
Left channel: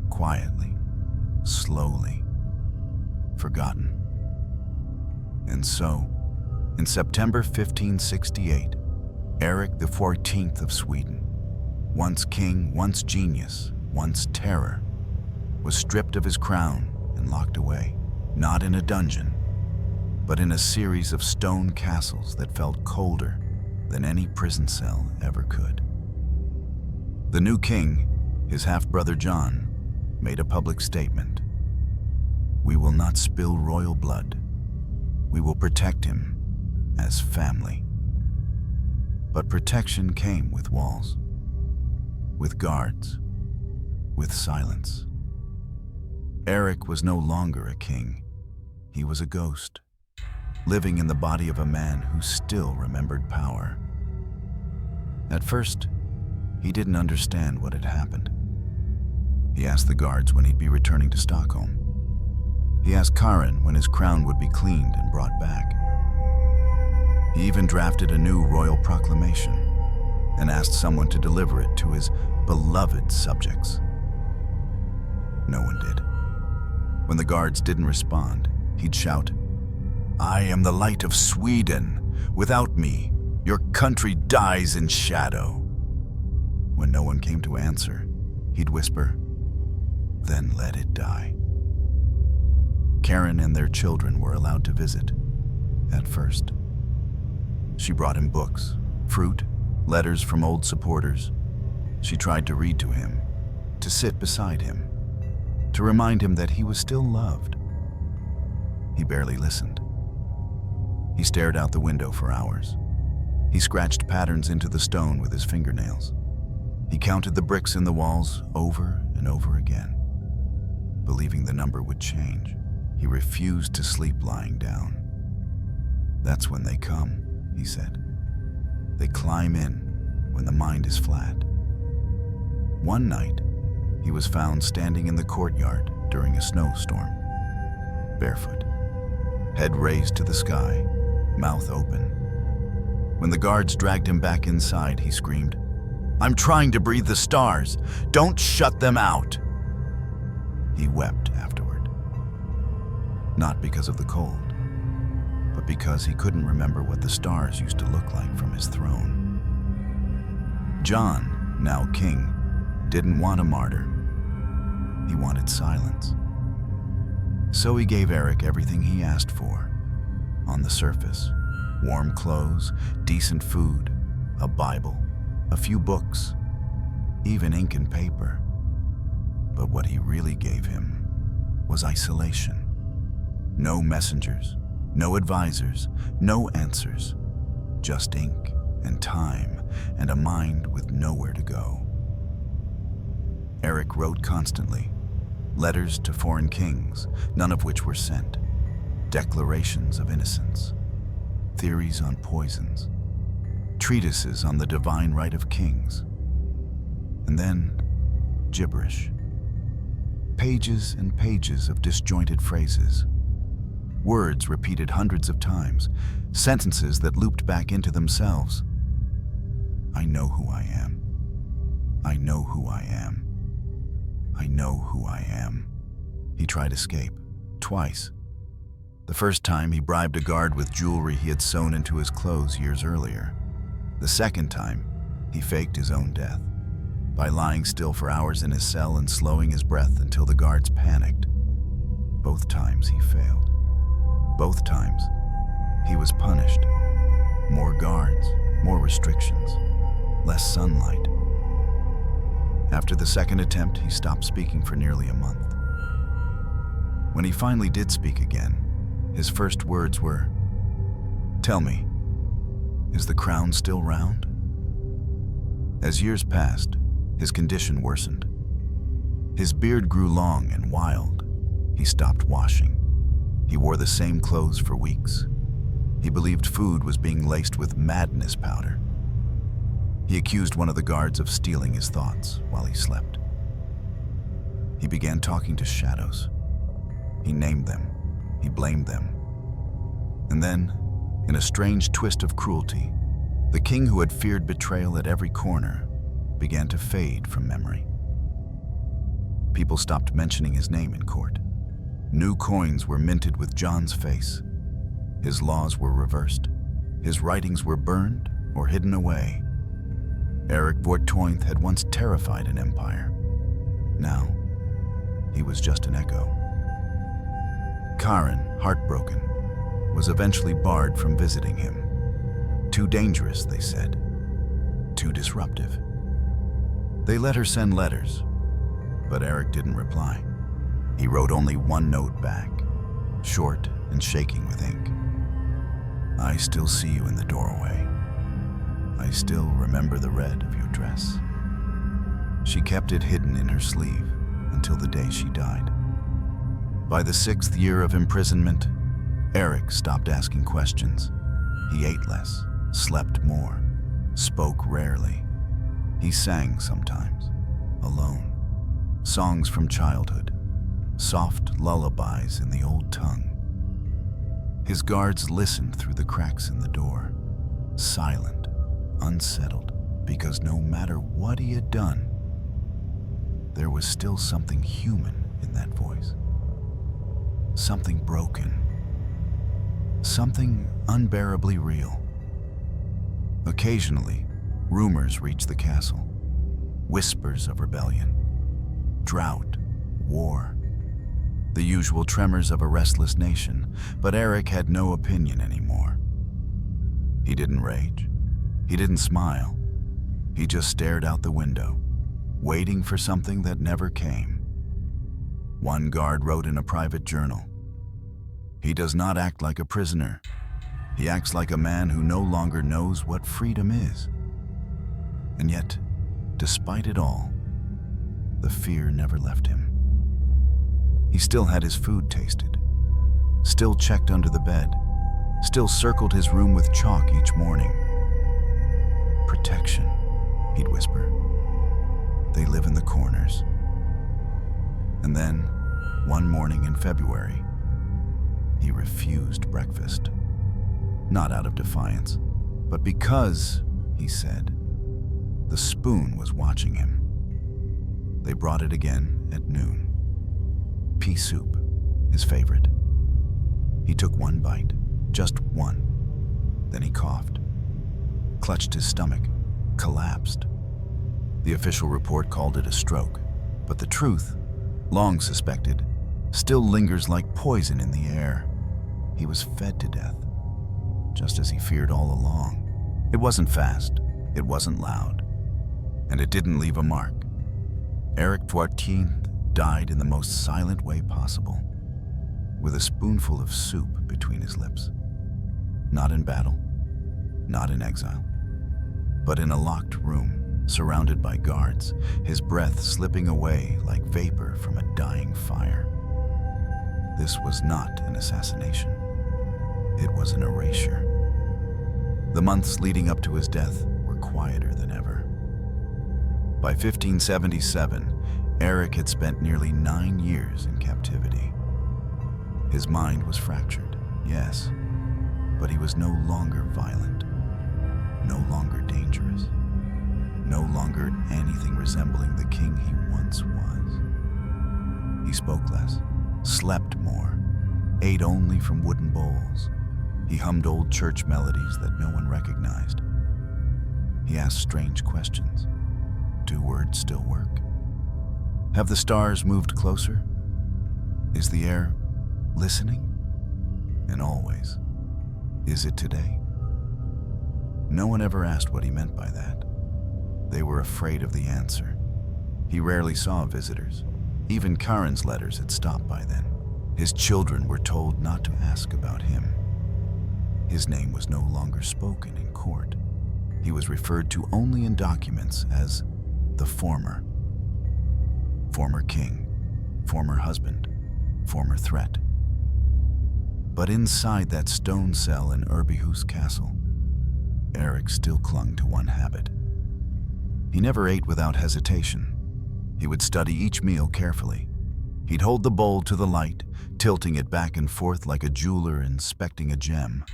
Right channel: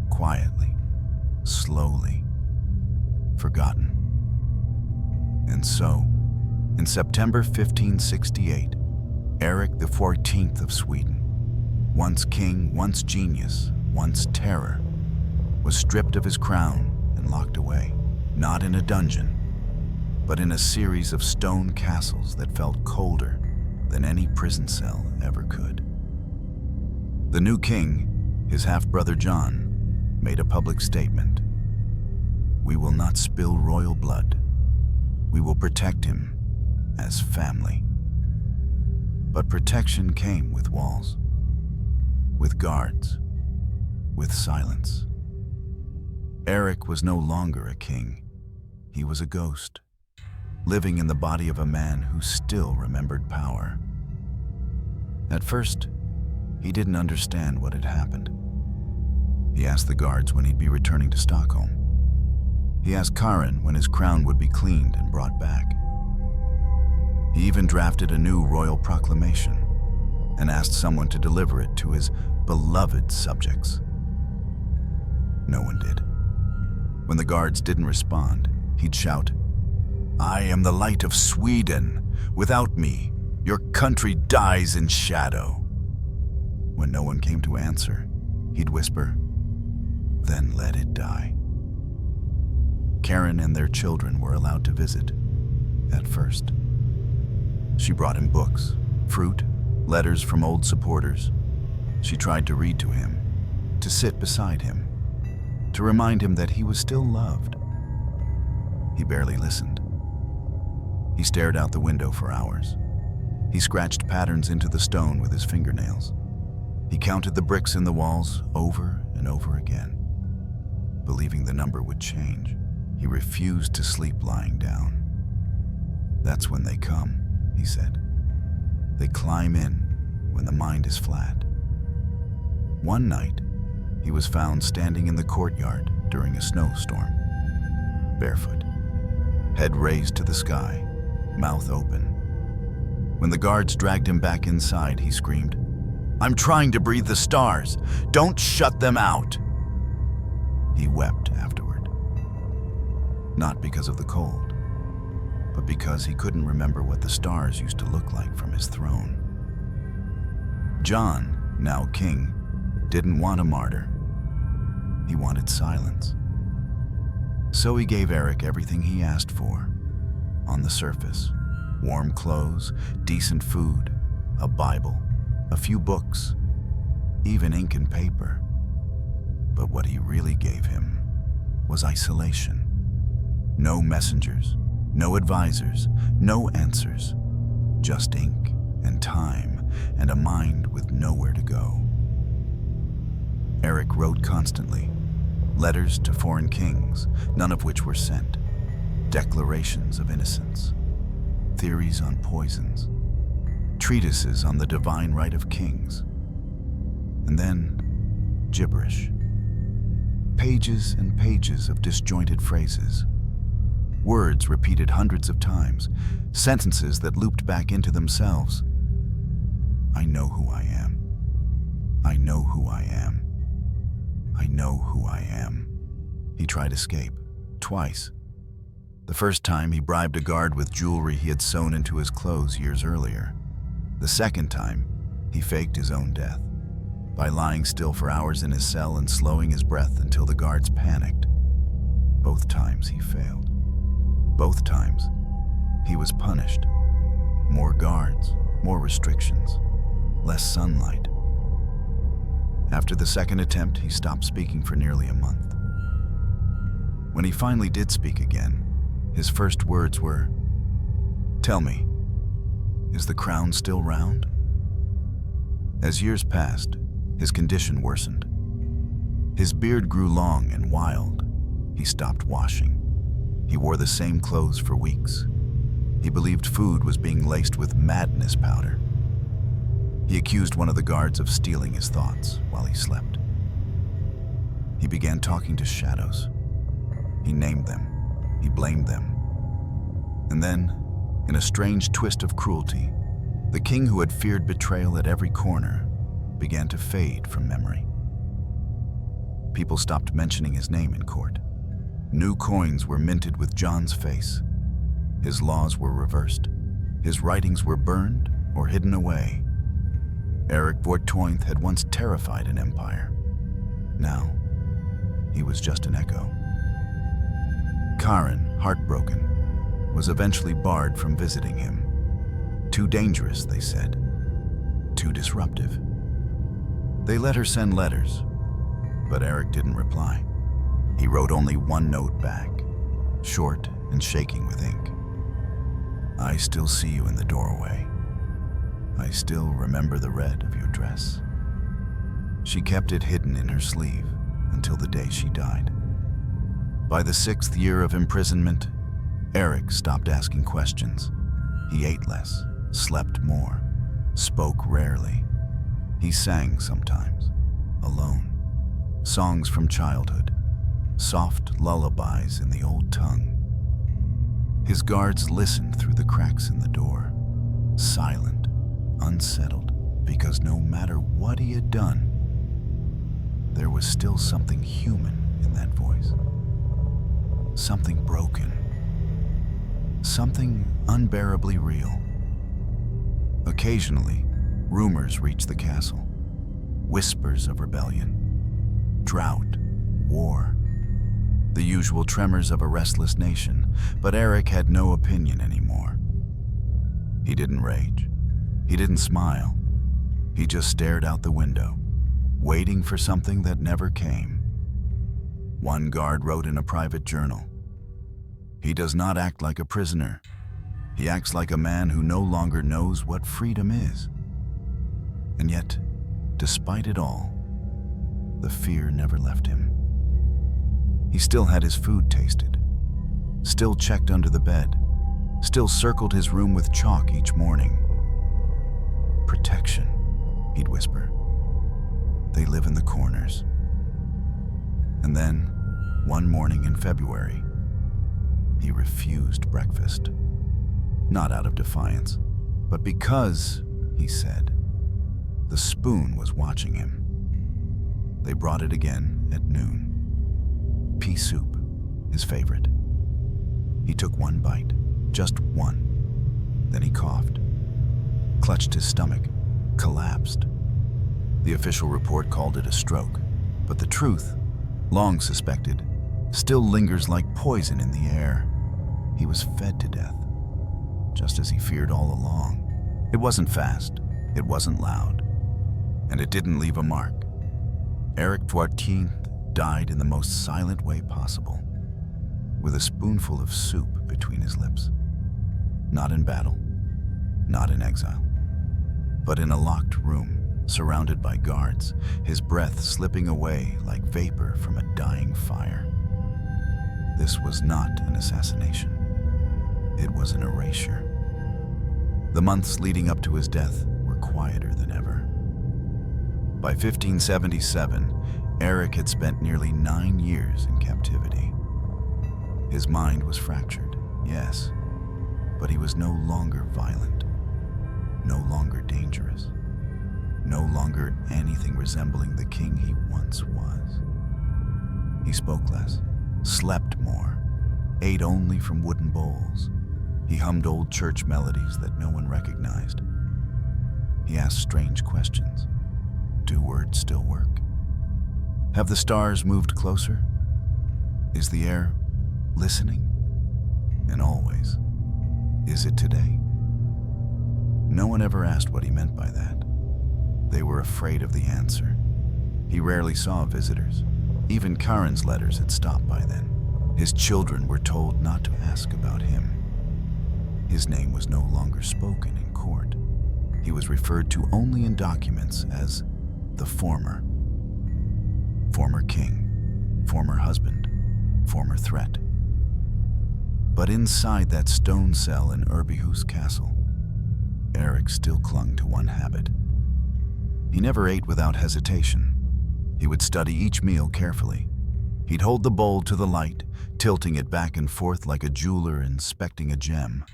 quietly, slowly, forgotten. And so, in September 1568, Eric XIV of Sweden, once king, once genius, once terror, was stripped of his crown and locked away, not in a dungeon, but in a series of stone castles that felt colder than any prison cell ever could. The new king, his half-brother John, made a public statement. "We will not spill royal blood. We will protect him as family." But protection came with walls, with guards, with silence. Eric was no longer a king. He was a ghost, living in the body of a man who still remembered power. At first, he didn't understand what had happened. He asked the guards when he'd be returning to Stockholm. He asked Karin when his crown would be cleaned and brought back. He even drafted a new royal proclamation and asked someone to deliver it to his beloved subjects. No one did. When the guards didn't respond, he'd shout, "I am the light of Sweden. Without me, your country dies in shadow." When no one came to answer, he'd whisper, "Then let it die." Karin and their children were allowed to visit, at first. She brought him books, fruit, letters from old supporters. She tried to read to him, to sit beside him, to remind him that he was still loved. He barely listened. He stared out the window for hours. He scratched patterns into the stone with his fingernails. He counted the bricks in the walls over and over again, believing the number would change. He refused to sleep lying down. "That's when they come," he said. "They climb in when the mind is flat." One night, he was found standing in the courtyard during a snowstorm, barefoot, head raised to the sky, mouth open. When the guards dragged him back inside, he screamed, "I'm trying to breathe the stars. Don't shut them out." He wept afterward. Not because of the cold, but because he couldn't remember what the stars used to look like from his throne. John, now king, didn't want a martyr. He wanted silence. So he gave Eric everything he asked for. On the surface, warm clothes, decent food, a Bible, a few books, even ink and paper. But what he really gave him was isolation. No messengers, no advisors, no answers, just ink and time and a mind with nowhere to go. Eric wrote constantly, letters to foreign kings, none of which were sent, declarations of innocence, theories on poisons, treatises on the divine right of kings, and then gibberish. Pages and pages of disjointed phrases, words repeated hundreds of times, sentences that looped back into themselves. "I know who I am. I know who I am. I know who I am." He tried escape, twice. The first time, he bribed a guard with jewelry he had sewn into his clothes years earlier. The second time, he faked his own death by lying still for hours in his cell and slowing his breath until the guards panicked. Both times he failed. Both times, he was punished. More guards, more restrictions, less sunlight. After the second attempt, he stopped speaking for nearly a month. When he finally did speak again, his first words were, "Tell me, is the crown still round?" As years passed, his condition worsened. His beard grew long and wild. He stopped washing. He wore the same clothes for weeks. He believed food was being laced with madness powder. He accused one of the guards of stealing his thoughts while he slept. He began talking to shadows, He named them. He blamed them. And then, in a strange twist of cruelty, the king who had feared betrayal at every corner began to fade from memory. People stopped mentioning his name in court. New coins were minted with John's face. His laws were reversed. His writings were burned or hidden away. Eric XIV had once terrified an empire. Now, he was just an echo. Karen, heartbroken, was eventually barred from visiting him. Too dangerous, they said. Too disruptive. They let her send letters, but Eric didn't reply. He wrote only one note back, short and shaking with ink. I still see you in the doorway. I still remember the red of your dress. She kept it hidden in her sleeve until the day she died. By the 6th year of imprisonment, Eric stopped asking questions. He ate less, slept more, spoke rarely. He sang sometimes, alone, songs from childhood, soft lullabies in the old tongue. His guards listened through the cracks in the door, silent, unsettled, because no matter what he had done, there was still something human in that voice. Something broken. Something unbearably real. Occasionally, rumors reached the castle. Whispers of rebellion, drought, war, the usual tremors of a restless nation, but Eric had no opinion anymore. He didn't rage. He didn't smile. He just stared out the window, waiting for something that never came. One guard wrote in a private journal, "He does not act like a prisoner. He acts like a man who no longer knows what freedom is." And yet, despite it all, the fear never left him. He still had his food tasted, still checked under the bed, still circled his room with chalk each morning. "Protection," he'd whisper. "They live in the corners." And then, one morning in February, he refused breakfast. Not out of defiance, but because, he said, the spoon was watching him. They brought it again at noon. Pea soup, his favorite. He took one bite, just one. Then he coughed, clutched his stomach, collapsed. The official report called it a stroke, but the truth, long suspected, still lingers like poison in the air. He was fed to death, just as he feared all along. It wasn't fast, it wasn't loud, and it didn't leave a mark. Eric XIV died in the most silent way possible, with a spoonful of soup between his lips. Not in battle, not in exile, but in a locked room, surrounded by guards, his breath slipping away like vapor from a dying fire. This was not an assassination. It was an erasure. The months leading up to his death were quieter than ever. By 1577, Eric had spent nearly 9 years in captivity. His mind was fractured, yes, but he was no longer violent, no longer dangerous, no longer anything resembling the king he once was. He spoke less, slept more, ate only from wooden bowls. He hummed old church melodies that no one recognized. He asked strange questions. Do words still work? Have the stars moved closer? Is the air listening? And always, is it today? No one ever asked what he meant by that. They were afraid of the answer. He rarely saw visitors. Even Karen's letters had stopped by then. His children were told not to ask about him. His name was no longer spoken in court. He was referred to only in documents as the former. Former king, former husband, former threat. But inside that stone cell in Urbyhus Castle, Eric still clung to one habit. He never ate without hesitation. He would study each meal carefully. He'd hold the bowl to the light, tilting it back and forth like a jeweler inspecting a gem.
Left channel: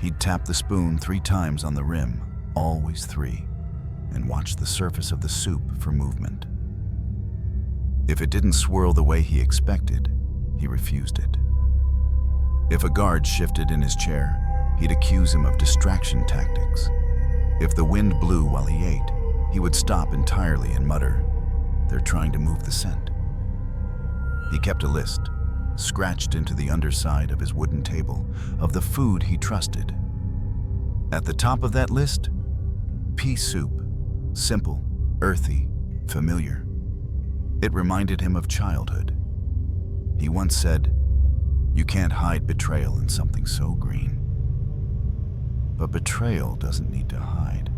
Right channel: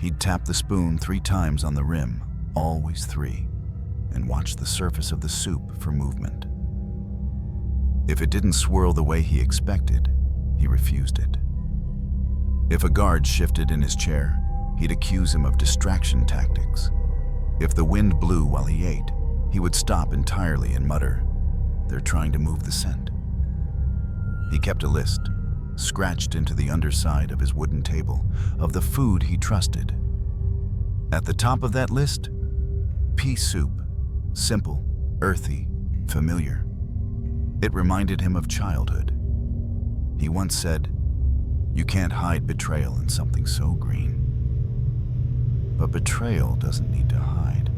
He'd tap the spoon 3 times on the rim, always 3, and watch the surface of the soup for movement. If it didn't swirl the way he expected, he refused it. If a guard shifted in his chair, he'd accuse him of distraction tactics. If the wind blew while he ate, he would stop entirely and mutter, "They're trying to move the scent." He kept a list, scratched into the underside of his wooden table, of the food he trusted. At the top of that list, pea soup, simple, earthy, familiar. It reminded him of childhood. He once said, "You can't hide betrayal in something so green." But betrayal doesn't need to hide,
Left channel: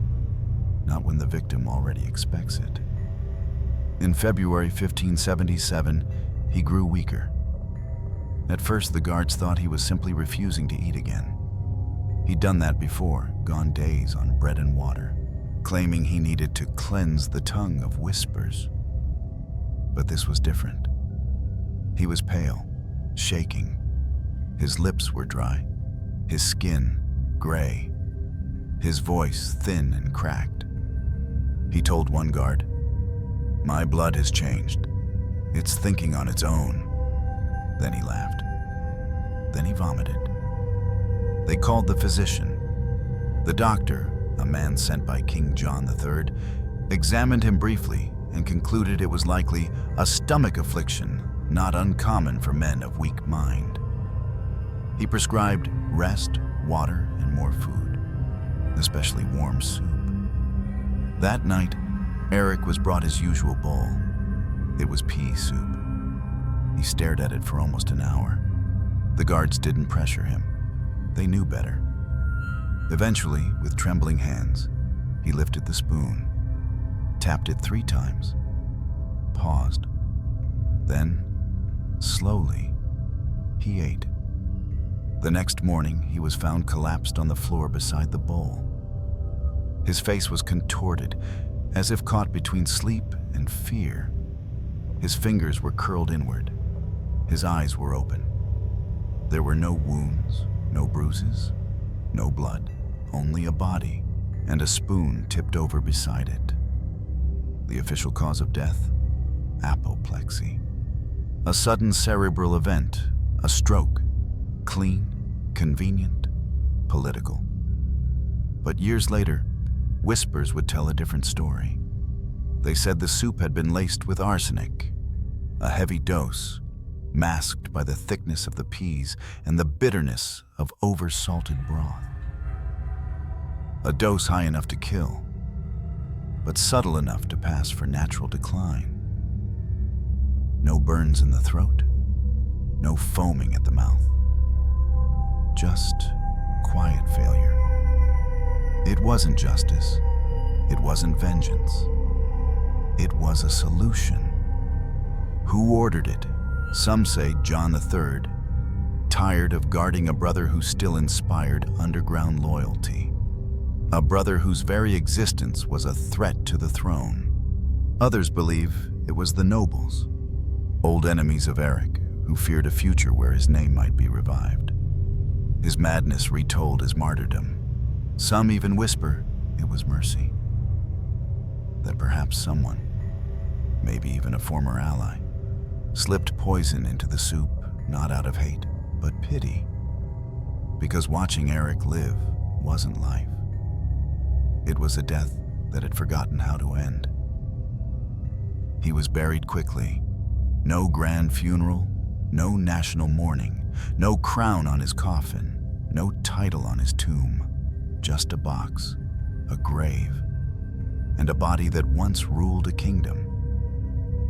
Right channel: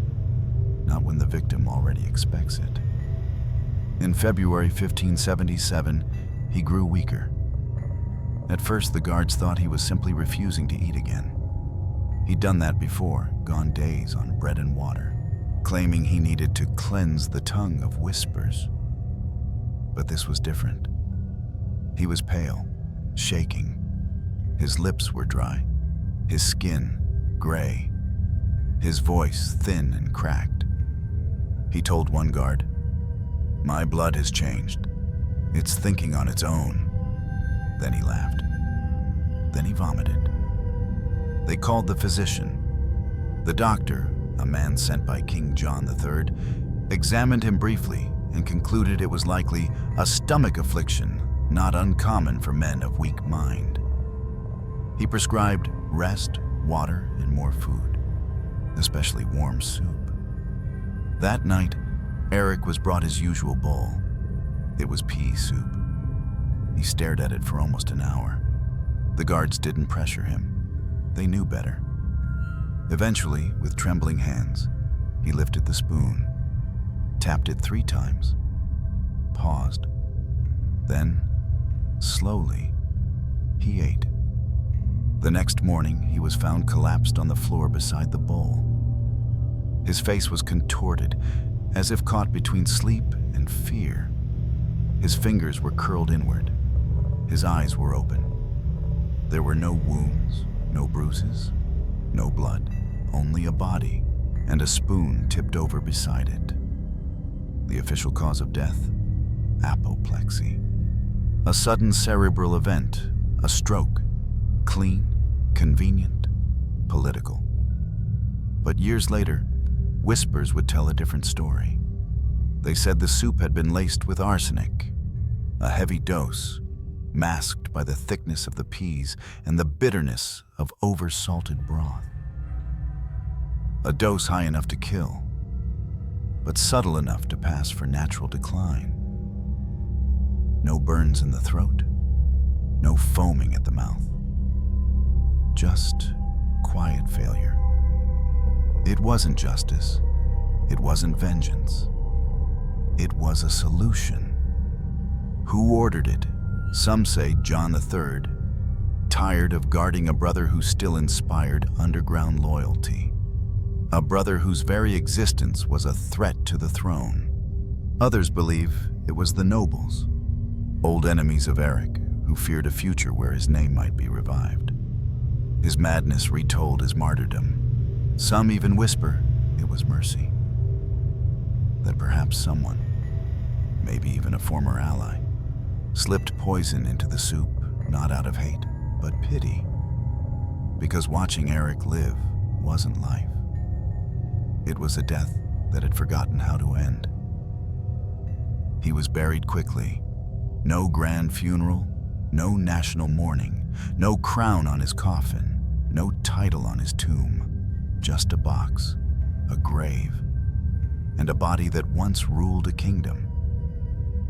not when the victim already expects it. In February 1577, he grew weaker. At first, the guards thought he was simply refusing to eat again. He'd done that before, gone days on bread and water, claiming he needed to cleanse the tongue of whispers. But this was different. He was pale, shaking. His lips were dry, his skin gray, his voice thin and cracked. He told one guard, "My blood has changed. It's thinking on its own." Then he laughed. Then he vomited. They called the physician. The doctor, a man sent by King John III, examined him briefly and concluded it was likely a stomach affliction not uncommon for men of weak mind. He prescribed rest, water, and more food, especially warm soup. That night, Eric was brought his usual bowl. It was pea soup. He stared at it for almost an hour. The guards didn't pressure him. They knew better. Eventually, with trembling hands, he lifted the spoon, tapped it 3 times, paused. Then, slowly, he ate. The next morning, he was found collapsed on the floor beside the bowl. His face was contorted, as if caught between sleep and fear. His fingers were curled inward. His eyes were open. There were no wounds, no bruises, no blood, only a body and a spoon tipped over beside it. The official cause of death? Apoplexy. A sudden cerebral event, a stroke. Clean, convenient, political. But years later, whispers would tell a different story. They said the soup had been laced with arsenic, a heavy dose, masked by the thickness of the peas and the bitterness of over-salted broth. A dose high enough to kill, but subtle enough to pass for natural decline. No burns in the throat, no foaming at the mouth. Just quiet failure. It wasn't justice. It wasn't vengeance. It was a solution. Who ordered it? Some say John III, tired of guarding a brother who still inspired underground loyalty. A brother whose very existence was a threat to the throne. Others believe it was the nobles, old enemies of Eric, who feared a future where his name might be revived. His madness retold his martyrdom. Some even whisper it was mercy. That perhaps someone, maybe even a former ally, slipped poison into the soup, not out of hate, but pity. Because watching Eric live wasn't life. It was a death that had forgotten how to end. He was buried quickly. No grand funeral, no national mourning, no crown on his coffin, no title on his tomb. Just a box, a grave, and a body that once ruled a kingdom.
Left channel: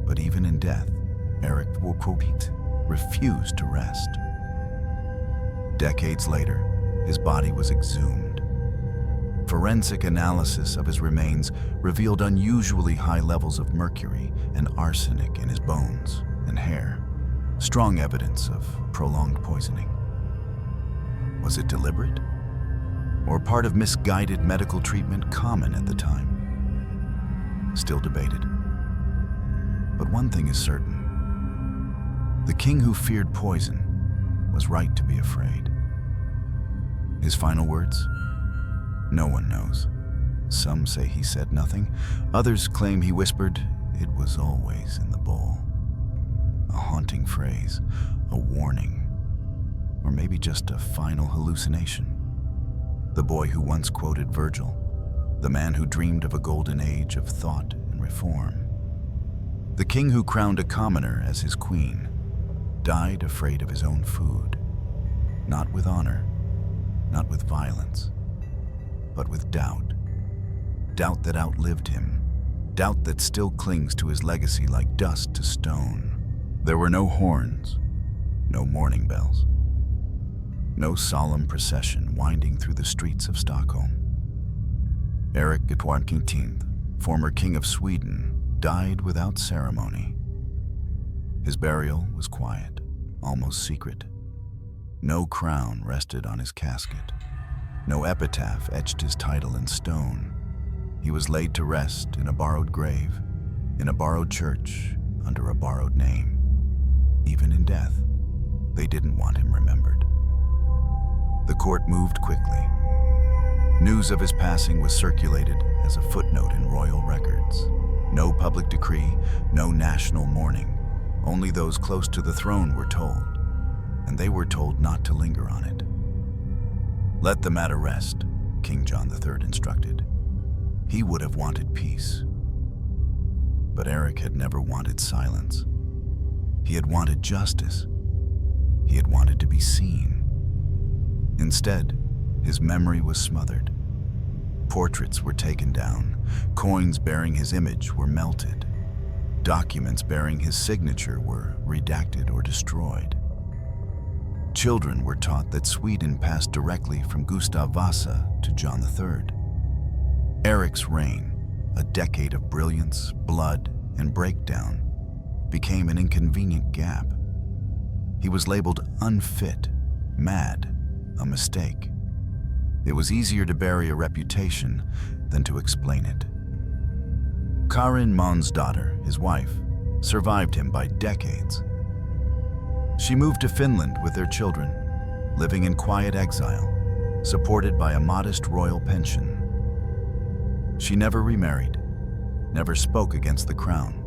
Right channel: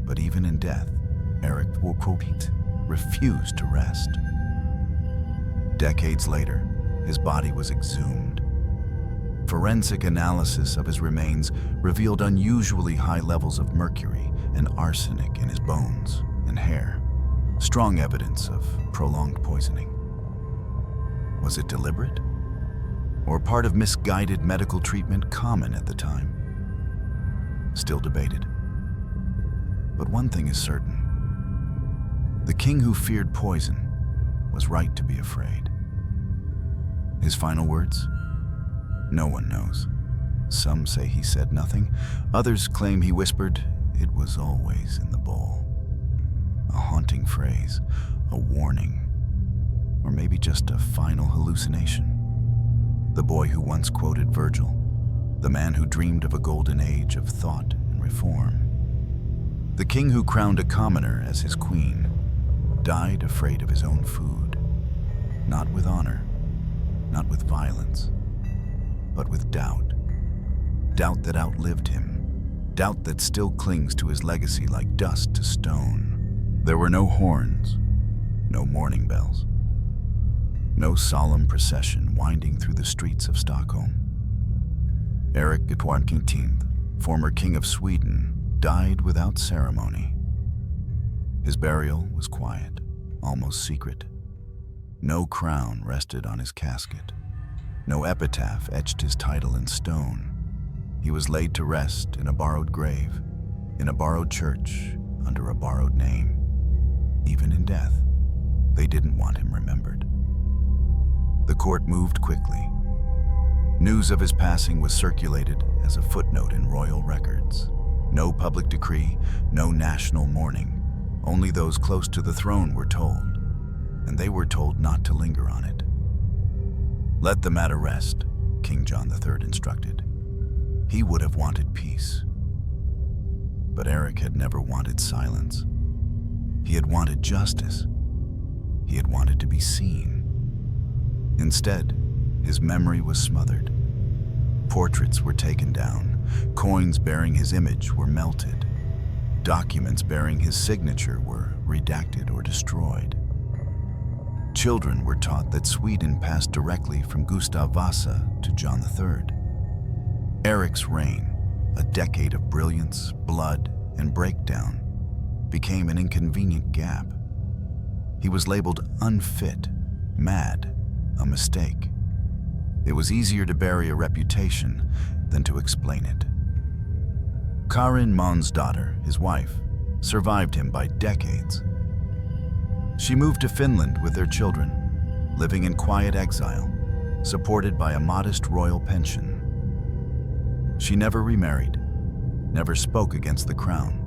But even in death, Eric XIV refused to rest. Decades later, his body was exhumed. Forensic analysis of his remains revealed unusually high levels of mercury and arsenic in his bones and hair, strong evidence of prolonged poisoning. Was it deliberate? Or part of misguided medical treatment common at the time? Still debated. But one thing is certain. The king who feared poison was right to be afraid. His final words? No one knows. Some say he said nothing. Others claim he whispered, "It was always in the bowl." A haunting phrase, a warning, or maybe just a final hallucination. The boy who once quoted Virgil, the man who dreamed of a golden age of thought and reform. The king who crowned a commoner as his queen died afraid of his own food, not with honor, not with violence, but with doubt. Doubt that outlived him, doubt that still clings to his legacy like dust to stone. There were no horns, no mourning bells, no solemn procession winding through the streets of Stockholm. Eric XIV, former king of Sweden, died without ceremony. His burial was quiet, almost secret. No crown rested on his casket. No epitaph etched his title in stone. He was laid to rest in a borrowed grave, in a borrowed church, under a borrowed name. Even in death, they didn't want him remembered. The court moved quickly. News of his passing was circulated as a footnote in royal records. No public decree, no national mourning. Only those close to the throne were told, and they were told not to linger on it. "Let the matter rest," King John III instructed. He would have wanted peace. But Eric had never wanted silence. He had wanted justice. He had wanted to be seen. Instead, his memory was smothered. Portraits were taken down. Coins bearing his image were melted. Documents bearing his signature were redacted or destroyed. Children were taught that Sweden passed directly from Gustav Vasa to John III. Eric's reign, a decade of brilliance, blood, and breakdown, became an inconvenient gap. He was labeled unfit, mad, a mistake. It was easier to bury a reputation than to explain it. Karin Månsdotter, his wife, survived him by decades. She moved to Finland with their children, living in quiet exile, supported by a modest royal pension. She never remarried, never spoke against the crown,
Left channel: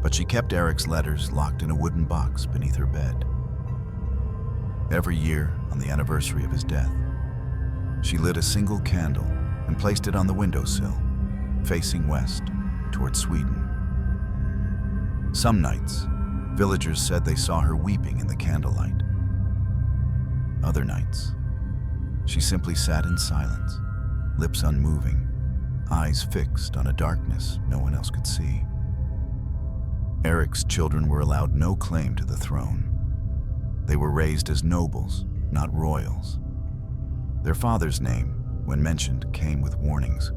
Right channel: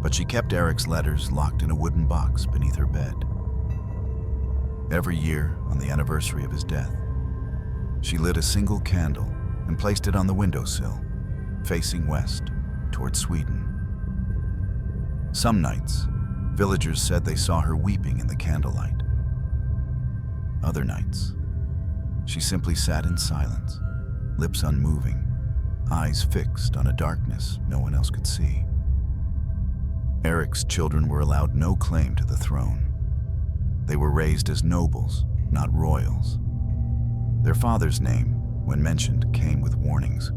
but she kept Eric's letters locked in a wooden box beneath her bed. Every year, on the anniversary of his death, she lit a single candle and placed it on the windowsill, facing west, toward Sweden. Some nights, villagers said they saw her weeping in the candlelight. Other nights, she simply sat in silence, lips unmoving, eyes fixed on a darkness no one else could see. Eric's children were allowed no claim to the throne. They were raised as nobles, not royals. Their father's name, when mentioned, came with warnings.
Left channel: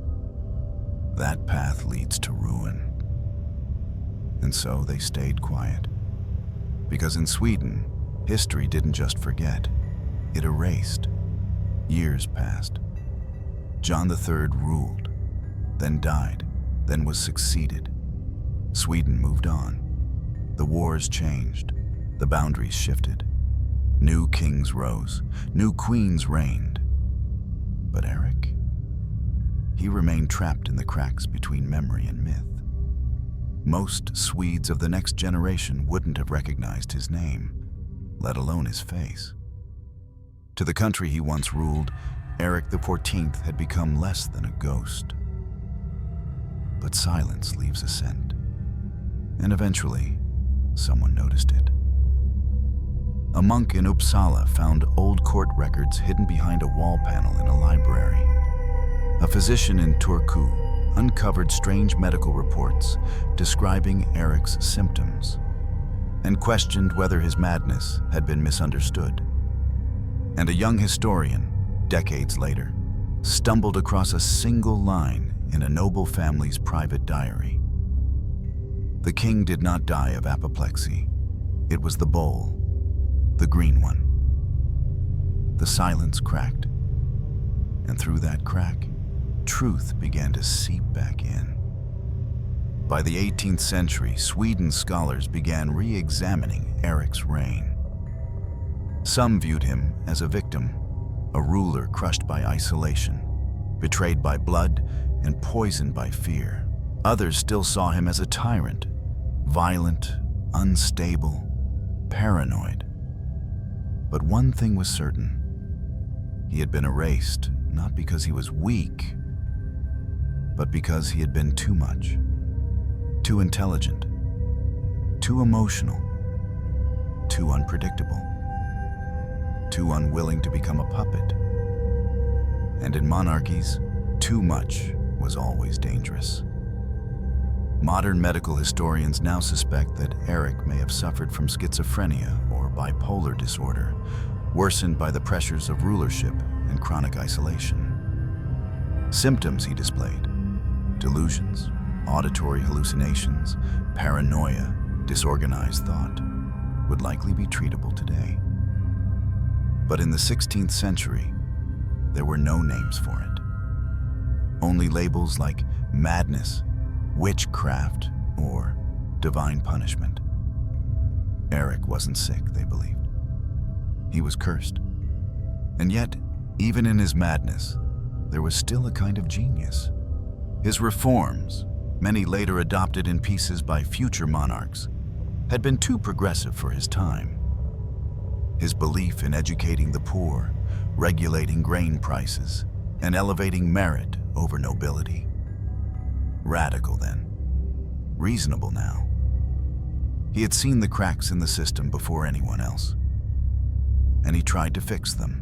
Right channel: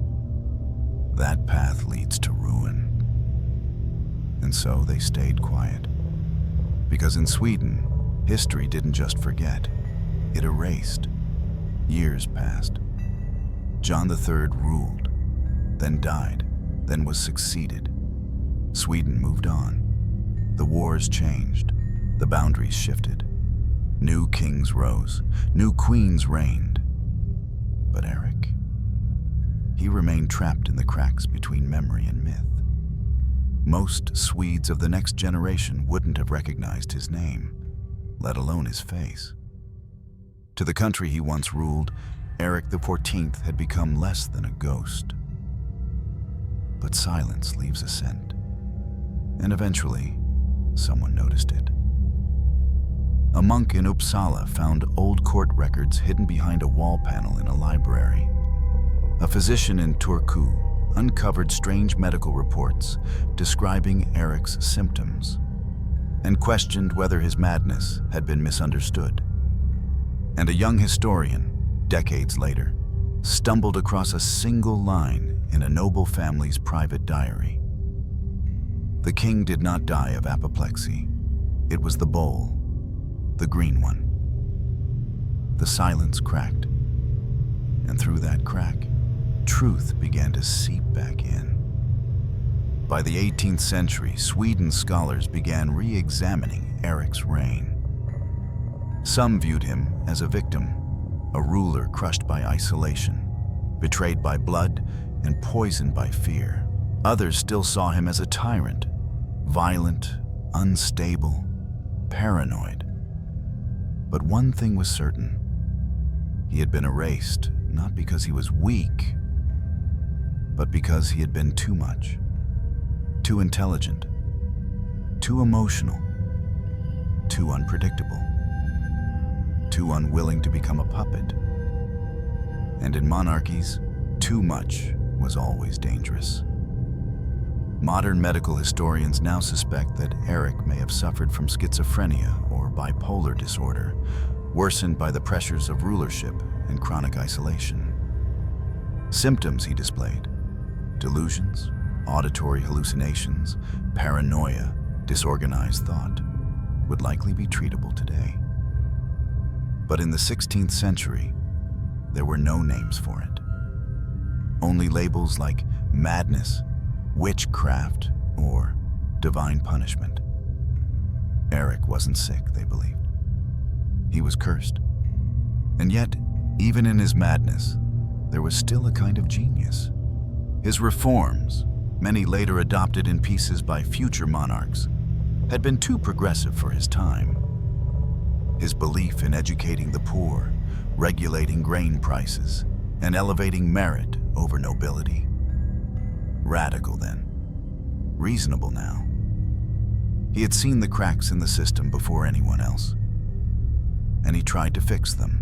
That path leads to ruin. And so they stayed quiet. Because in Sweden, history didn't just forget, it erased. Years passed. John III ruled, then died, then was succeeded. Sweden moved on. The wars changed. The boundaries shifted. New kings rose. New queens reigned. But Eric? He remained trapped in the cracks between memory and myth. Most Swedes of the next generation wouldn't have recognized his name, let alone his face. To the country he once ruled, Eric XIV had become less than a ghost. But silence leaves a scent. And eventually, someone noticed it. A monk in Uppsala found old court records hidden behind a wall panel in a library. A physician in Turku uncovered strange medical reports describing Eric's symptoms and questioned whether his madness had been misunderstood. And a young historian, decades later, stumbled across a single line in a noble family's private diary. The king did not die of apoplexy. It was the bowl, the green one. The silence cracked, and through that crack, truth began to seep back in. By the 18th century, Sweden's scholars began re-examining Eric's reign. Some viewed him as a victim, a ruler crushed by isolation, betrayed by blood, and poisoned by fear. Others still saw him as a tyrant, violent, unstable, paranoid. But one thing was certain. He had been erased, not because he was weak, but because he had been too much, too intelligent, too emotional, too unpredictable, too unwilling to become a puppet. And in monarchies, too much was always dangerous. Modern medical historians now suspect that Eric may have suffered from schizophrenia or bipolar disorder, worsened by the pressures of rulership and chronic isolation. Symptoms he displayed: delusions, auditory hallucinations, paranoia, disorganized thought, would likely be treatable today. But in the 16th century, there were no names for it. Only labels like madness, witchcraft, or divine punishment. Eric wasn't sick, they believed. He was cursed. And yet, even in his madness, there was still a kind of genius. His reforms, many later adopted in pieces by future monarchs, had been too progressive for his time. His belief in educating the poor, regulating grain prices, and elevating merit over nobility. Radical then, reasonable now. He had seen the cracks in the system before anyone else, and he tried to fix them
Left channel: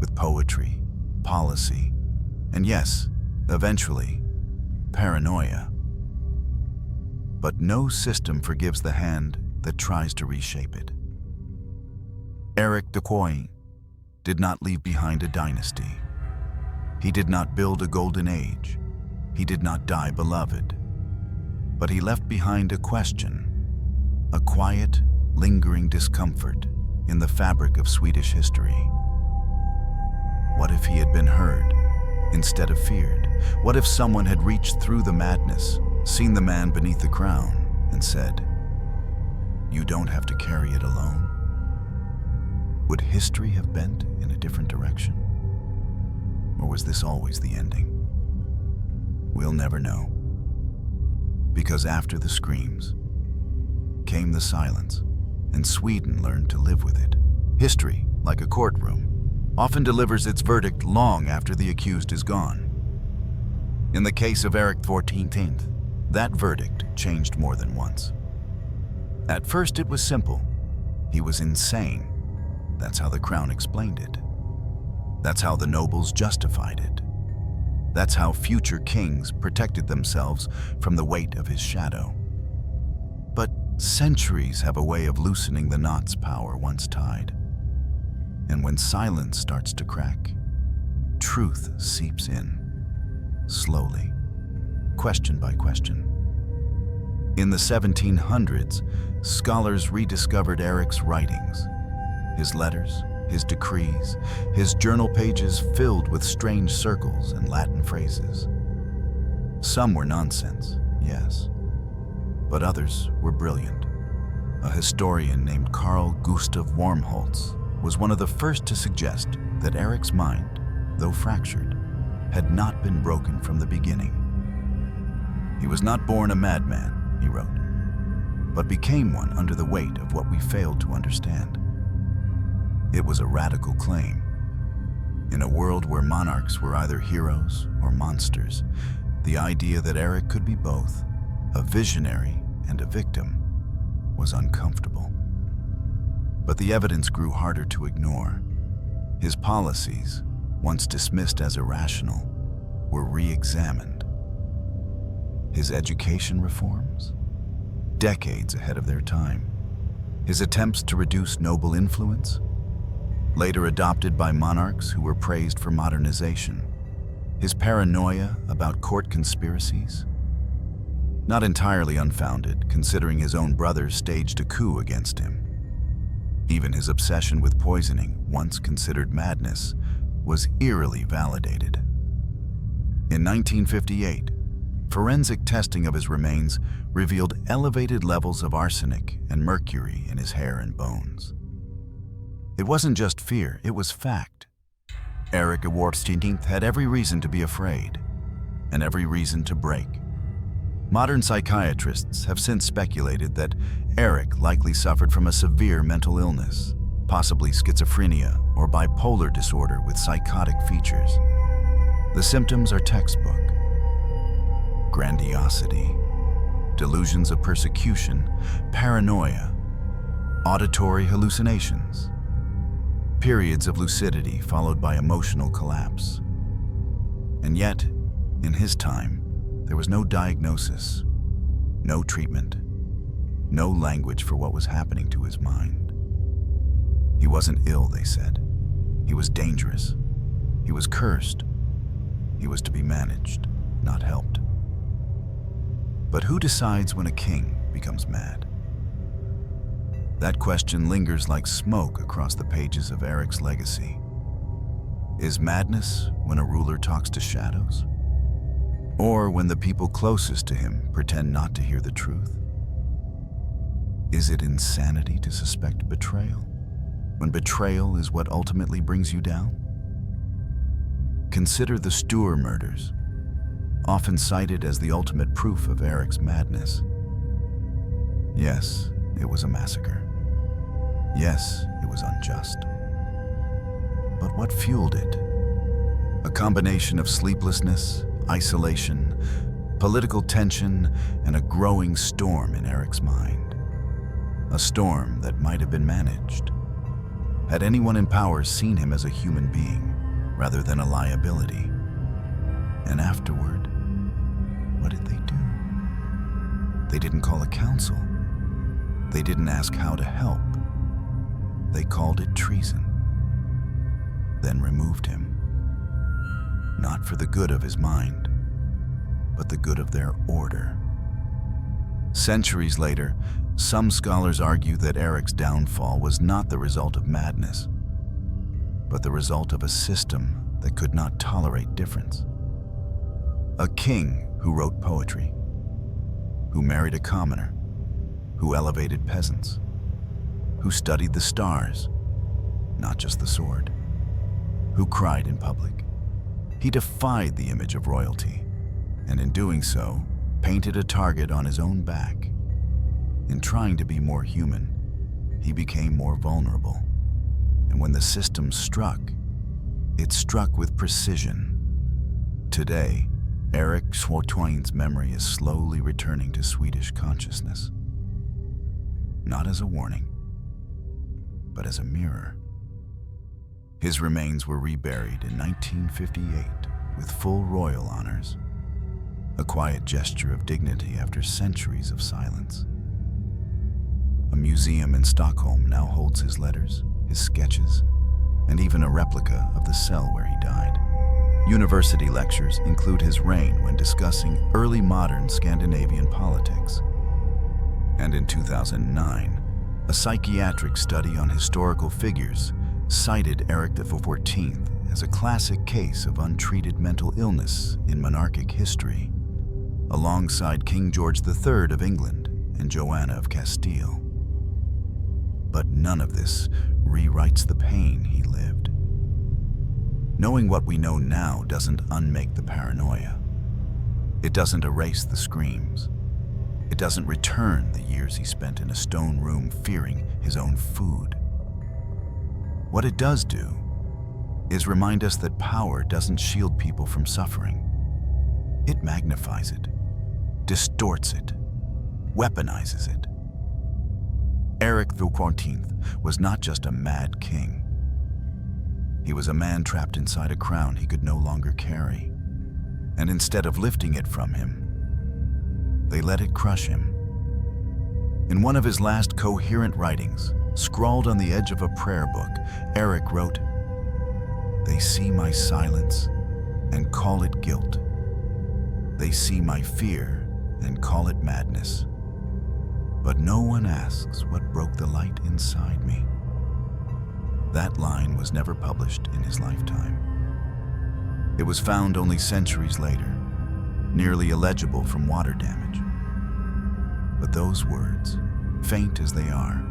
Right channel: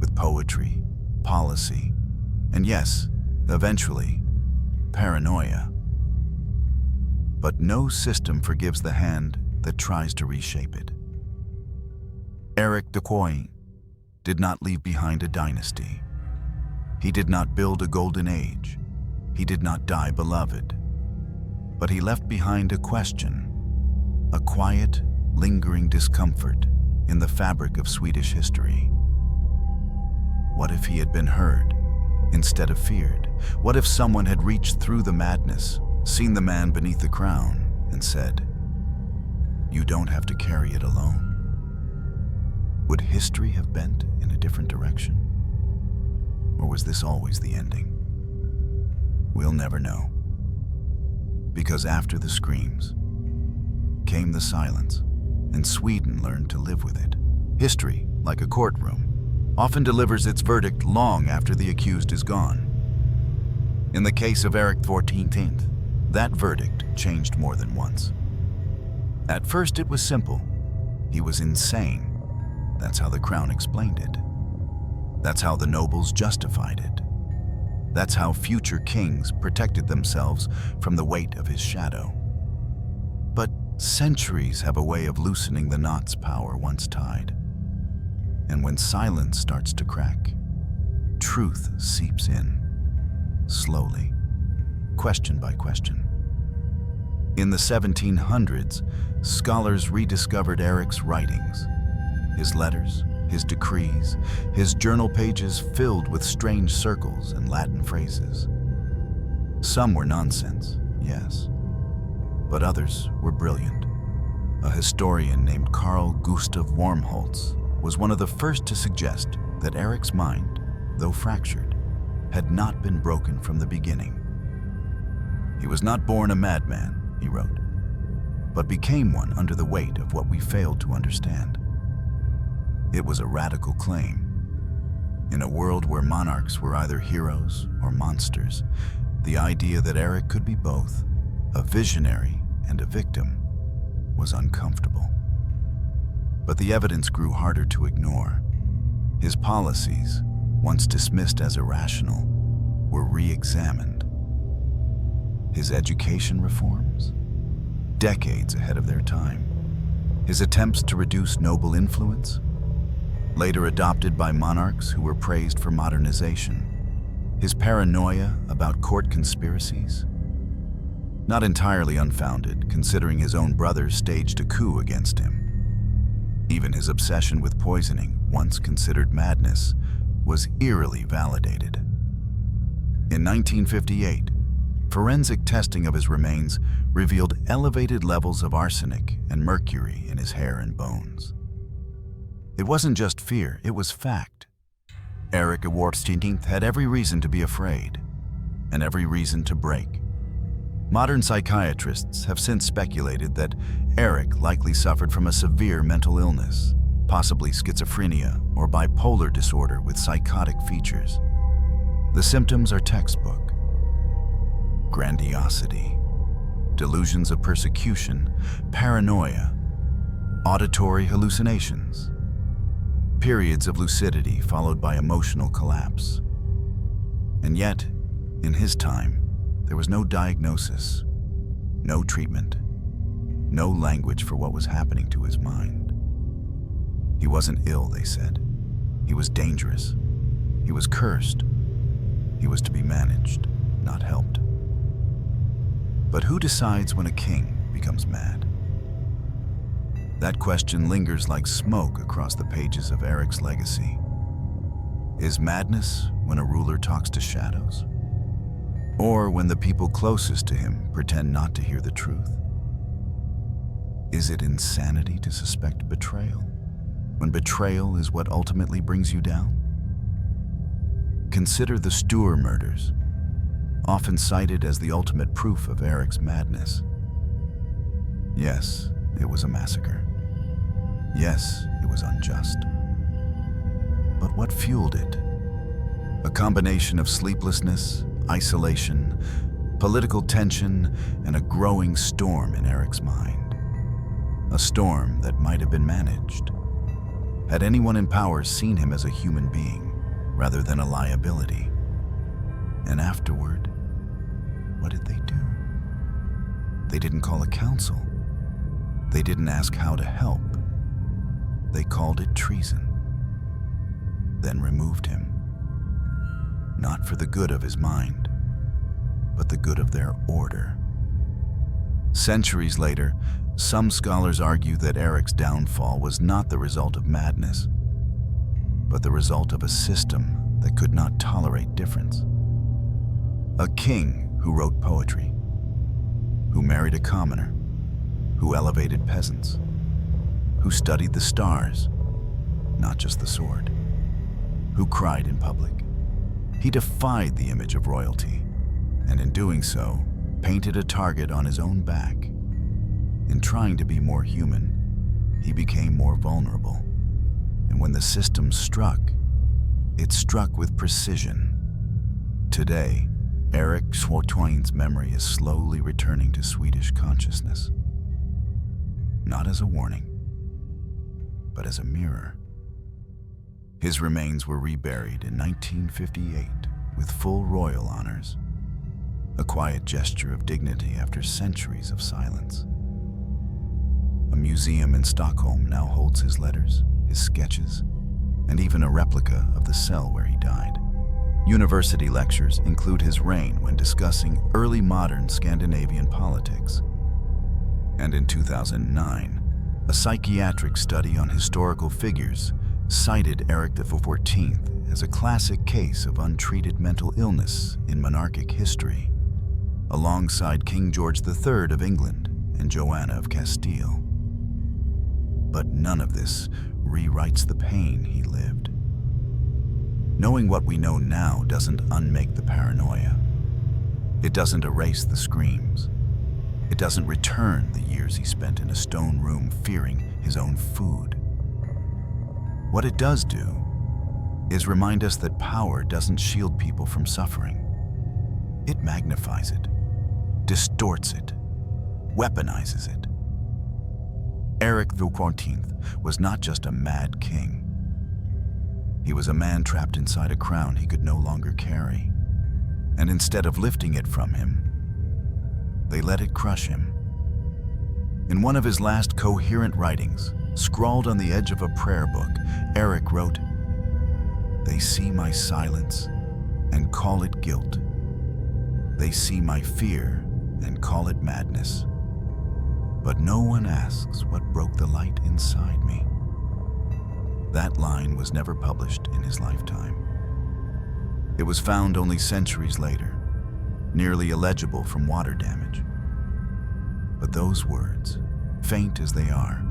with poetry, policy, and yes, eventually, paranoia. But no system forgives the hand that tries to reshape it. Eric XIV did not leave behind a dynasty. He did not build a golden age. He did not die beloved. But he left behind a question, a quiet, lingering discomfort in the fabric of Swedish history. What if he had been heard instead of feared? What if someone had reached through the madness, seen the man beneath the crown, and said, "You don't have to carry it alone"? Would history have bent in a different direction? Or was this always the ending? We'll never know. Because after the screams came the silence, and Sweden learned to live with it. History, like a courtroom, often delivers its verdict long after the accused is gone. In the case of Eric XIV, that verdict changed more than once. At first it was simple. He was insane. That's how the crown explained it. That's how the nobles justified it. That's how future kings protected themselves from the weight of his shadow. But centuries have a way of loosening the knots power once tied. And when silence starts to crack, truth seeps in, slowly, question by question. In the 1700s, scholars rediscovered Eric's writings, his letters, his decrees, his journal pages filled with strange circles and Latin phrases. Some were nonsense, yes, but others were brilliant. A historian named Carl Gustav Wormholtz was one of the first to suggest that Eric's mind, though fractured, had not been broken from the beginning. He was not born a madman, he wrote, but became one under the weight of what we failed to understand. It was a radical claim. In a world where monarchs were either heroes or monsters, the idea that Eric could be both, a visionary and a victim, was uncomfortable. But the evidence grew harder to ignore. His policies, once dismissed as irrational, were re-examined. His education reforms, decades ahead of their time. His attempts to reduce noble influence, later adopted by monarchs who were praised for modernization. His paranoia about court conspiracies, not entirely unfounded, considering his own brothers staged a coup against him. Even his obsession with poisoning, once considered madness, was eerily validated. In 1958, Forensic testing of his remains revealed elevated levels of arsenic and mercury in his hair and bones. It wasn't just fear, it was fact. Eric XIV had every reason to be afraid, and every reason to break. Modern psychiatrists have since speculated that Eric likely suffered from a severe mental illness, possibly schizophrenia or bipolar disorder with psychotic features. The symptoms are textbook: grandiosity, delusions of persecution, paranoia, auditory hallucinations, periods of lucidity followed by emotional collapse. And yet, in his time, there was no diagnosis, no treatment, no language for what was happening to his mind. He wasn't ill, they said. He was dangerous. He was cursed. He was to be managed, not helped. But who decides when a king becomes mad? That question lingers like smoke across the pages of Eric's legacy. Is madness when a ruler talks to shadows? Or when the people closest to him pretend not to hear the truth? Is it insanity to suspect betrayal, when betrayal is what ultimately brings you down? Consider the Stour murders, often cited as the ultimate proof of Eric's madness. Yes, it was a massacre. Yes, it was unjust. But what fueled it? A combination of sleeplessness, isolation, political tension, and a growing storm in Eric's mind. A storm that might have been managed. Had anyone in power seen him as a human being rather than a liability? And afterward, what did they do? They didn't call a council. They didn't ask how to help. They called it treason. Then removed him. Not for the good of his mind, but the good of their order. Centuries later, some scholars argue that Eric's downfall was not the result of madness, but the result of a system that could not tolerate difference. A king who wrote poetry, who married a commoner, who elevated peasants, who studied the stars, not just the sword, who cried in public. He defied the image of royalty, and in doing so, painted a target on his own back. In trying to be more human, he became more vulnerable. And when the system struck, it struck with precision. Today, Eric XIV's memory is slowly returning to Swedish consciousness. Not as a warning, but as a mirror. His remains were reburied in 1958 with full royal honors, a quiet gesture of dignity after centuries of silence. A museum in Stockholm now holds his letters, his sketches, and even a replica of the cell where he died. University lectures include his reign when discussing early modern Scandinavian politics. And in 2009, a psychiatric study on historical figures cited Eric XIV as a classic case of untreated mental illness in monarchic history, alongside King George III of England and Joanna of Castile. But none of this rewrites the pain he lived. Knowing what we know now doesn't unmake the paranoia. It doesn't erase the screams. It doesn't return the years he spent in a stone room fearing his own food. What it does do is remind us that power doesn't shield people from suffering. It magnifies it, distorts it, weaponizes it. Eric XIV was not just a mad king. He was a man trapped inside a crown he could no longer carry. And instead of lifting it from him, they let it crush him. In one of his last coherent writings, scrawled on the edge of a prayer book, Eric wrote, "They see my silence and call it guilt. They see my fear and call it madness. But no one asks what broke the light inside me." That line was never published in his lifetime. It was found only centuries later, nearly illegible from water damage. But those words, faint as they are,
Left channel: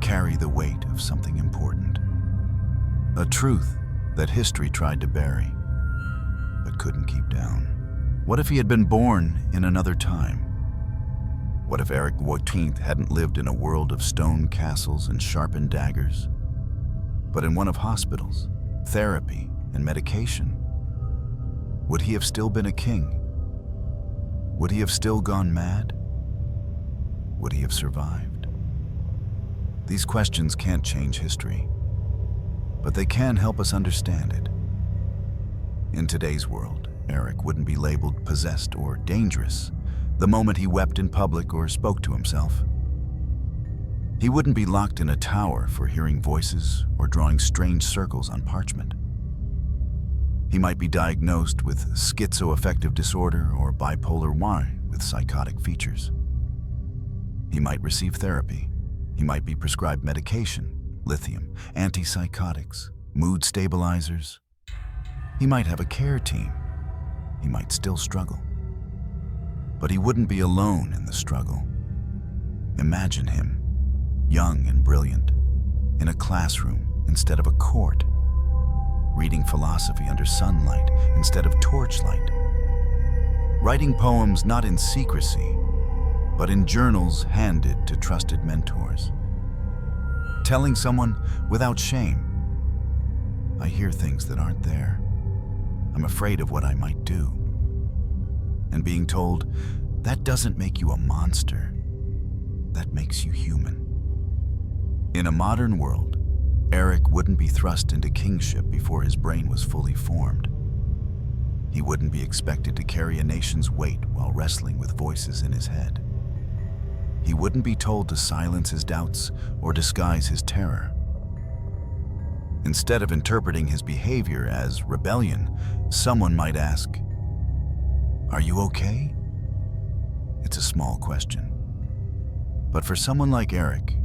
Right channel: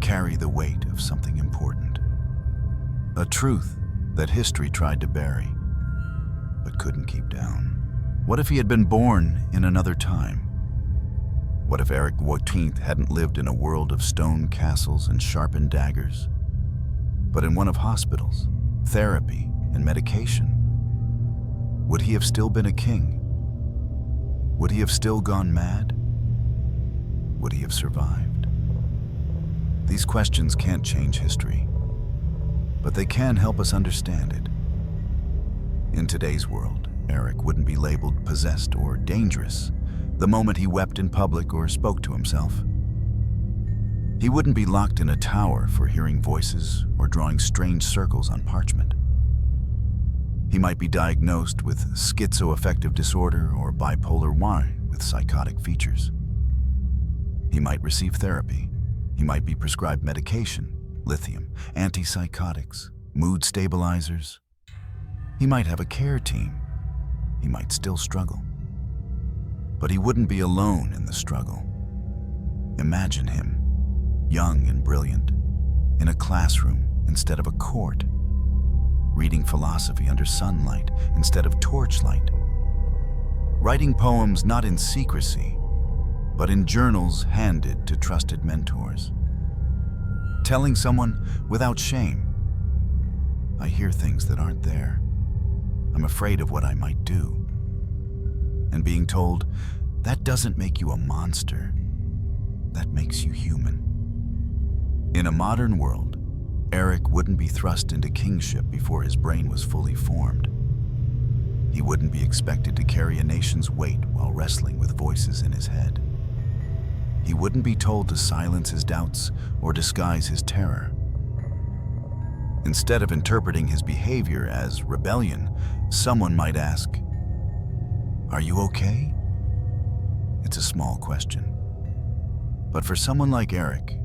carry the weight of something important. A truth that history tried to bury, but couldn't keep down. What if he had been born in another time? What if Eric XIV hadn't lived in a world of stone castles and sharpened daggers, but in one of hospitals, therapy, and medication? Would he have still been a king? Would he have still gone mad? Would he have survived? These questions can't change history, but they can help us understand it. In today's world, Eric wouldn't be labeled possessed or dangerous the moment he wept in public or spoke to himself. He wouldn't be locked in a tower for hearing voices or drawing strange circles on parchment. He might be diagnosed with schizoaffective disorder or bipolar I with psychotic features. He might receive therapy. He might be prescribed medication, lithium, antipsychotics, mood stabilizers. He might have a care team. He might still struggle. But he wouldn't be alone in the struggle. Imagine him, young and brilliant, in a classroom instead of a court, reading philosophy under sunlight instead of torchlight, writing poems not in secrecy, but in journals handed to trusted mentors, telling someone without shame, I hear things that aren't there. I'm afraid of what I might do. And being told, that doesn't make you a monster, that makes you human. In a modern world, Eric wouldn't be thrust into kingship before his brain was fully formed. He wouldn't be expected to carry a nation's weight while wrestling with voices in his head. He wouldn't be told to silence his doubts or disguise his terror. Instead of interpreting his behavior as rebellion, someone might ask, "Are you okay?" It's a small question. But for someone like Eric,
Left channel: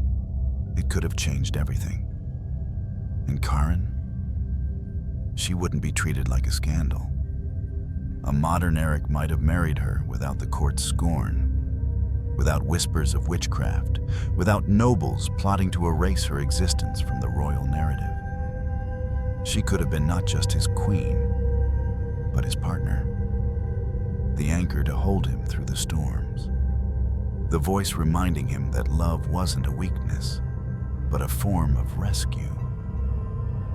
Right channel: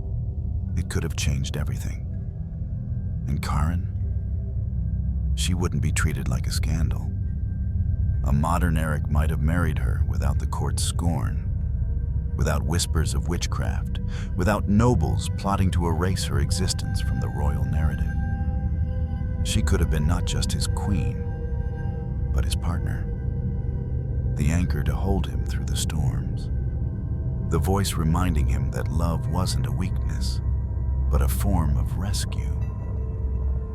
it could have changed everything. And Karen? She wouldn't be treated like a scandal. A modern Eric might have married her without the court's scorn, without whispers of witchcraft, without nobles plotting to erase her existence from the royal narrative. She could have been not just his queen, but his partner. The anchor to hold him through the storms. The voice reminding him that love wasn't a weakness, but a form of rescue.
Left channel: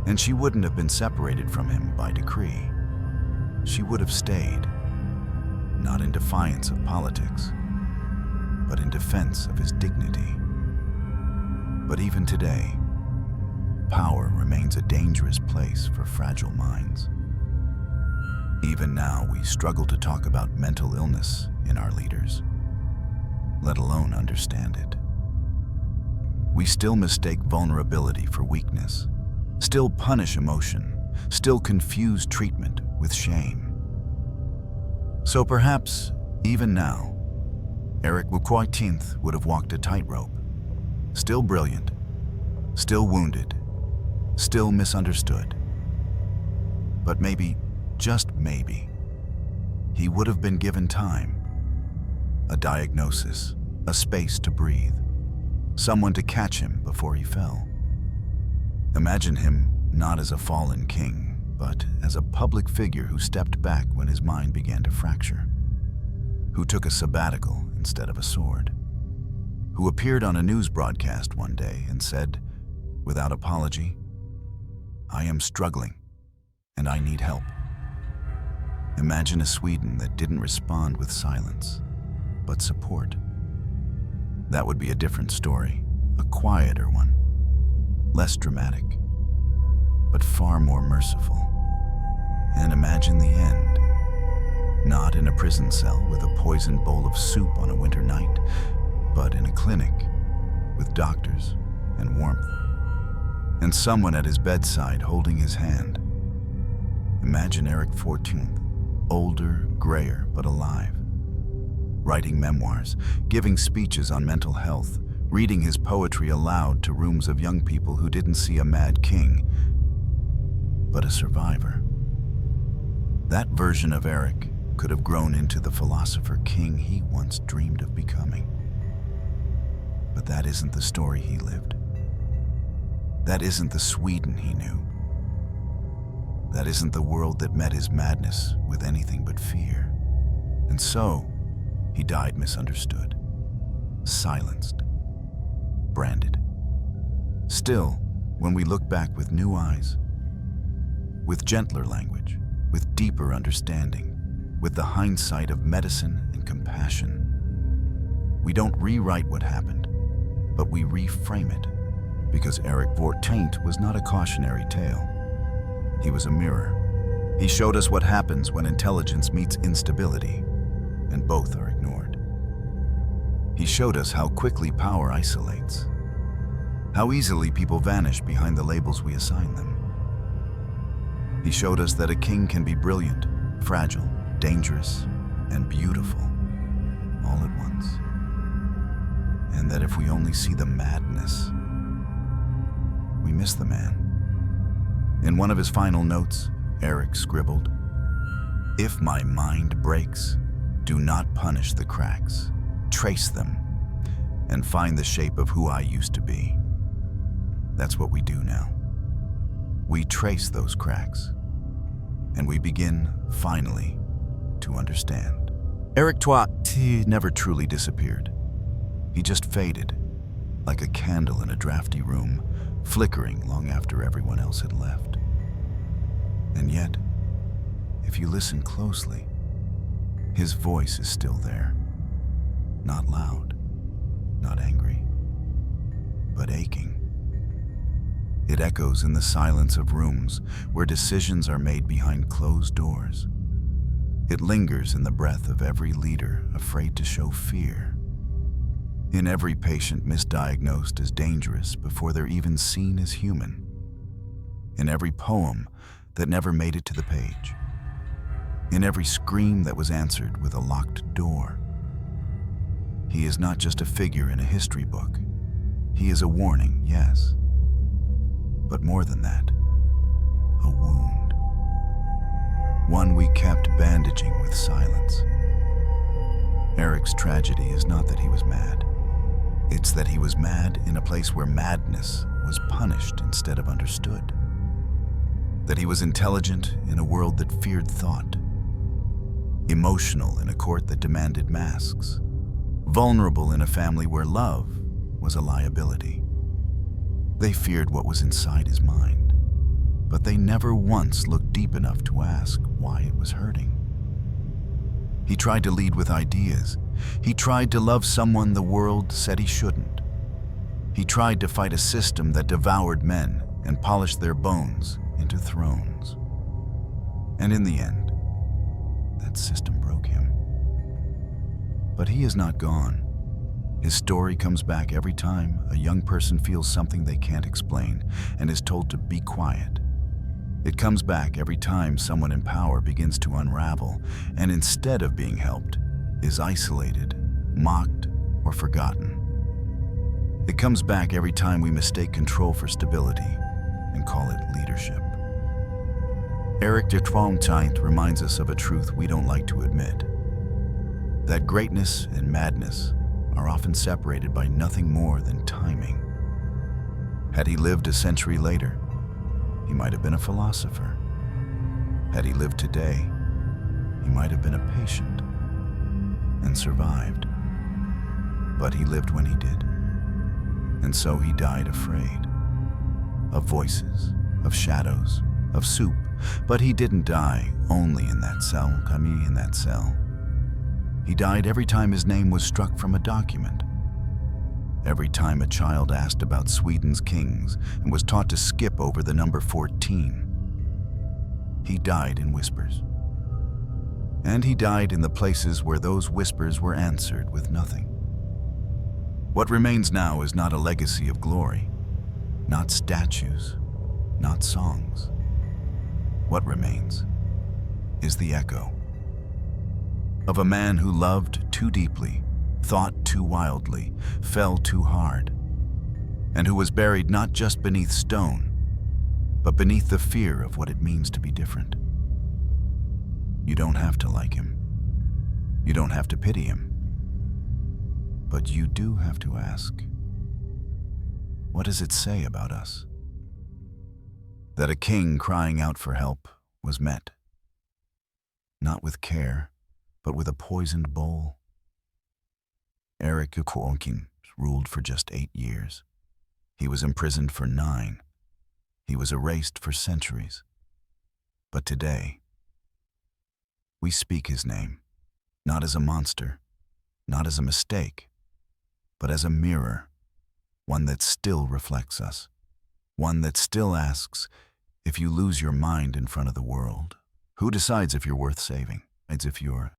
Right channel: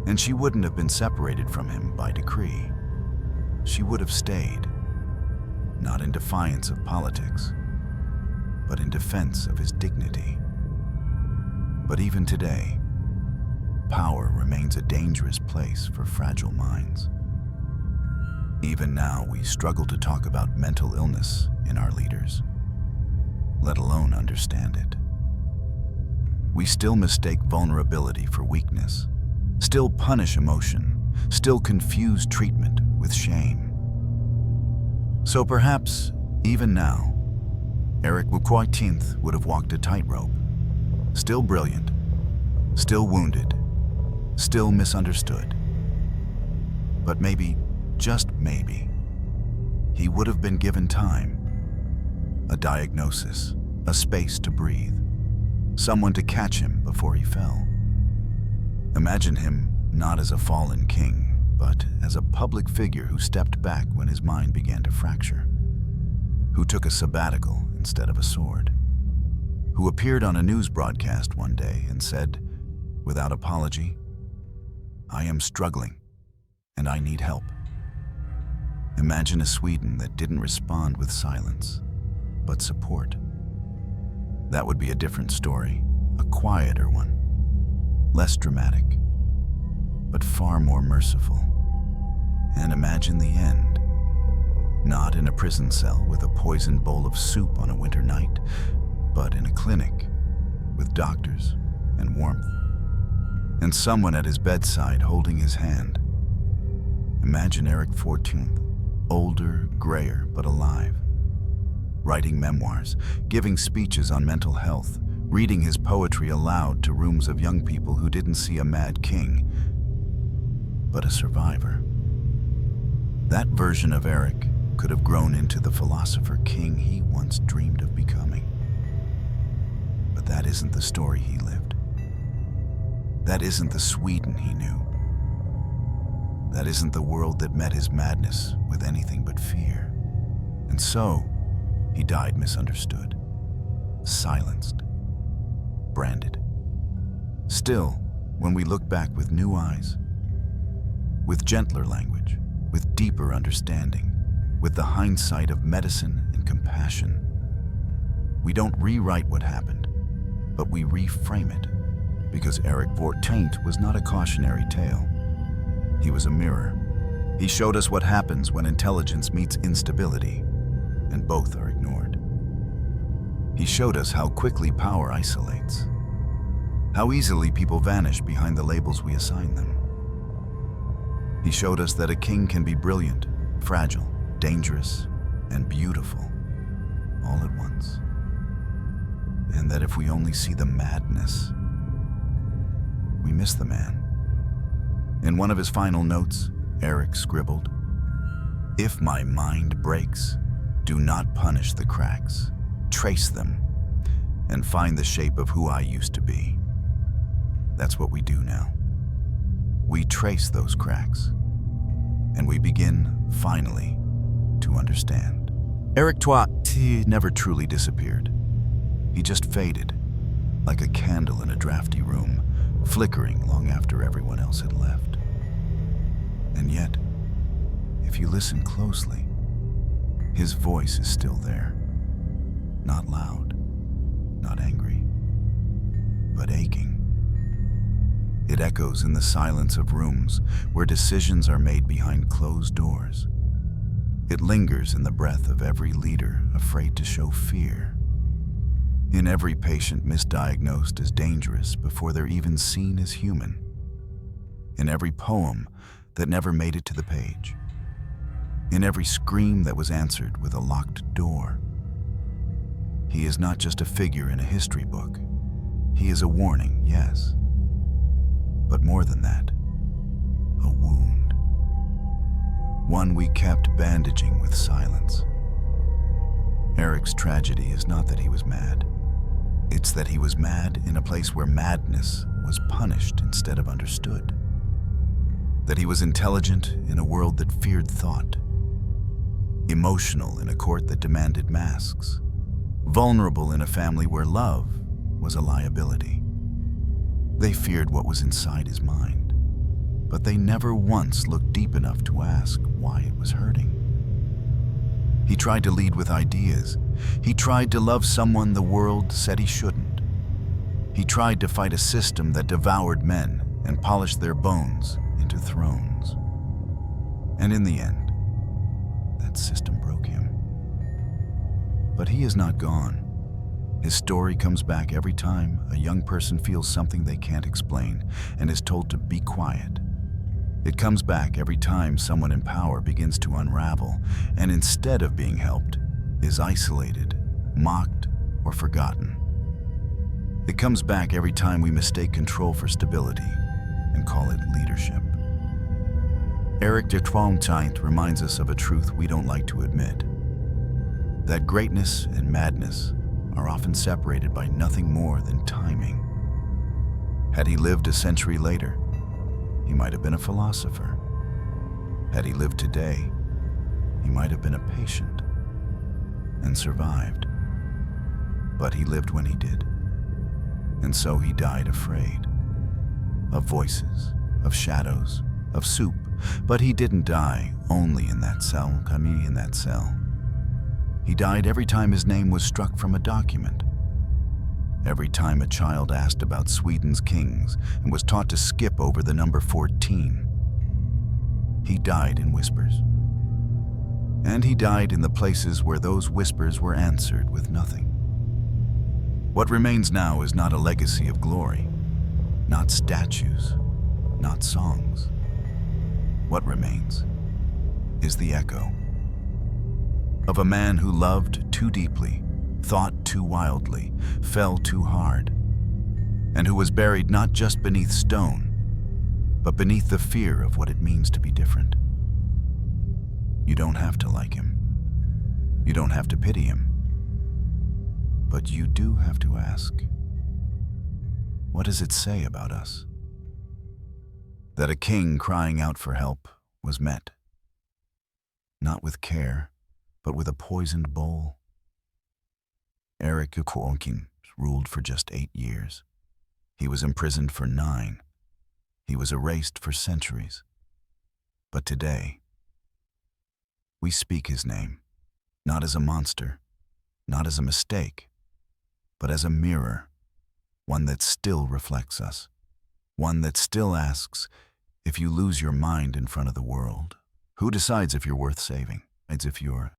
And she wouldn't have been separated from him by decree. She would have stayed, not in defiance of politics, but in defense of his dignity. But even today, power remains a dangerous place for fragile minds. Even now, we struggle to talk about mental illness in our leaders, let alone understand it. We still mistake vulnerability for weakness, still punish emotion, still confuse treatment with shame. So perhaps, even now, Eric XIV would have walked a tightrope, still brilliant, still wounded, still misunderstood. But maybe, just maybe, he would have been given time, a diagnosis, a space to breathe, someone to catch him before he fell. Imagine him not as a fallen king, but as a public figure who stepped back when his mind began to fracture, who took a sabbatical instead of a sword, who appeared on a news broadcast one day and said, without apology, I am struggling and I need help. Imagine a Sweden that didn't respond with silence, but support. That would be a different story, a quieter one, less dramatic, but far more merciful. And imagine the end, not in a prison cell with a poisoned bowl of soup on a winter night, but in a clinic with doctors and warmth, and someone at his bedside holding his hand. Imagine Eric XIV, older, grayer, but alive, writing memoirs, giving speeches on mental health, reading his poetry aloud to rooms of young people who didn't see a mad king, but a survivor. That version of Eric could have grown into the philosopher king he once dreamed of becoming. But that isn't the story he lived. That isn't the Sweden he knew. That isn't the world that met his madness with anything but fear. And so, he died misunderstood, silenced, branded. Still, when we look back with new eyes, with gentler language, with deeper understanding, with the hindsight of medicine and compassion, we don't rewrite what happened, but we reframe it, because Eric XIV was not a cautionary tale. He was a mirror. He showed us what happens when intelligence meets instability, and both are ignored. He showed us how quickly power isolates, how easily people vanish behind the labels we assign them. He showed us that a king can be brilliant, fragile, dangerous, and beautiful, all at once. And that if we only see the madness, we miss the man. In one of his final notes, Eric scribbled, "If my mind breaks, do not punish the cracks. Trace them and find the shape of who I used to be." That's what we do now. We trace those cracks, and we begin, finally, to understand. Eric XIV never truly disappeared. He just faded, like a candle in a drafty room, flickering long after everyone else had left. And yet, if you listen closely, his voice is still there. Not loud, not angry, but aching. It echoes in the silence of rooms where decisions are made behind closed doors. It lingers in the breath of every leader afraid to show fear. In every patient misdiagnosed as dangerous before they're even seen as human. In every poem that never made it to the page. In every scream that was answered with a locked door. He is not just a figure in a history book. He is a warning, yes. But more than that, a wound. One we kept bandaging with silence. Eric's tragedy is not that he was mad. It's that he was mad in a place where madness was punished instead of understood. That he was intelligent in a world that feared thought. Emotional in a court that demanded masks. Vulnerable in a family where love was a liability. They feared what was inside his mind, but they never once looked deep enough to ask why it was hurting. He tried to lead with ideas. He tried to love someone the world said he shouldn't. He tried to fight a system that devoured men and polished their bones into thrones. And in the end, that system broke him. But he is not gone. His story comes back every time a young person feels something they can't explain and is told to be quiet. It comes back every time someone in power begins to unravel and instead of being helped, is isolated, mocked, or forgotten. It comes back every time we mistake control for stability and call it leadership. Eric XIV reminds us of a truth we don't like to admit. That greatness and madness are often separated by nothing more than timing. Had he lived a century later, he might have been a philosopher. Had he lived today, he might have been a patient and survived. But he lived when he did. And so he died afraid. Of voices, of shadows, of soup. But he didn't die only in that cell, in that cell. He died every time his name was struck from a document. Every time a child asked about Sweden's kings and was taught to skip over the number 14. He died in whispers. And he died in the places where those whispers were answered with nothing. What remains now is not a legacy of glory, not statues, not songs. What remains is the echo of a man who loved too deeply, thought too wildly, fell too hard, and who was buried not just beneath stone, but beneath the fear of what it means to be different. You don't have to like him. You don't have to pity him. But you do have to ask, what does it say about us? That a king crying out for help was met, not with care, but with a poisoned bowl. Eric XIV ruled for just 8 years. He was imprisoned for 9. He was erased for centuries. But today, we speak his name, not as a monster, not as a mistake, but as a mirror, one that still reflects us, one that still asks, if you lose your mind in front of the world, who decides if you're worth saving? It's if you're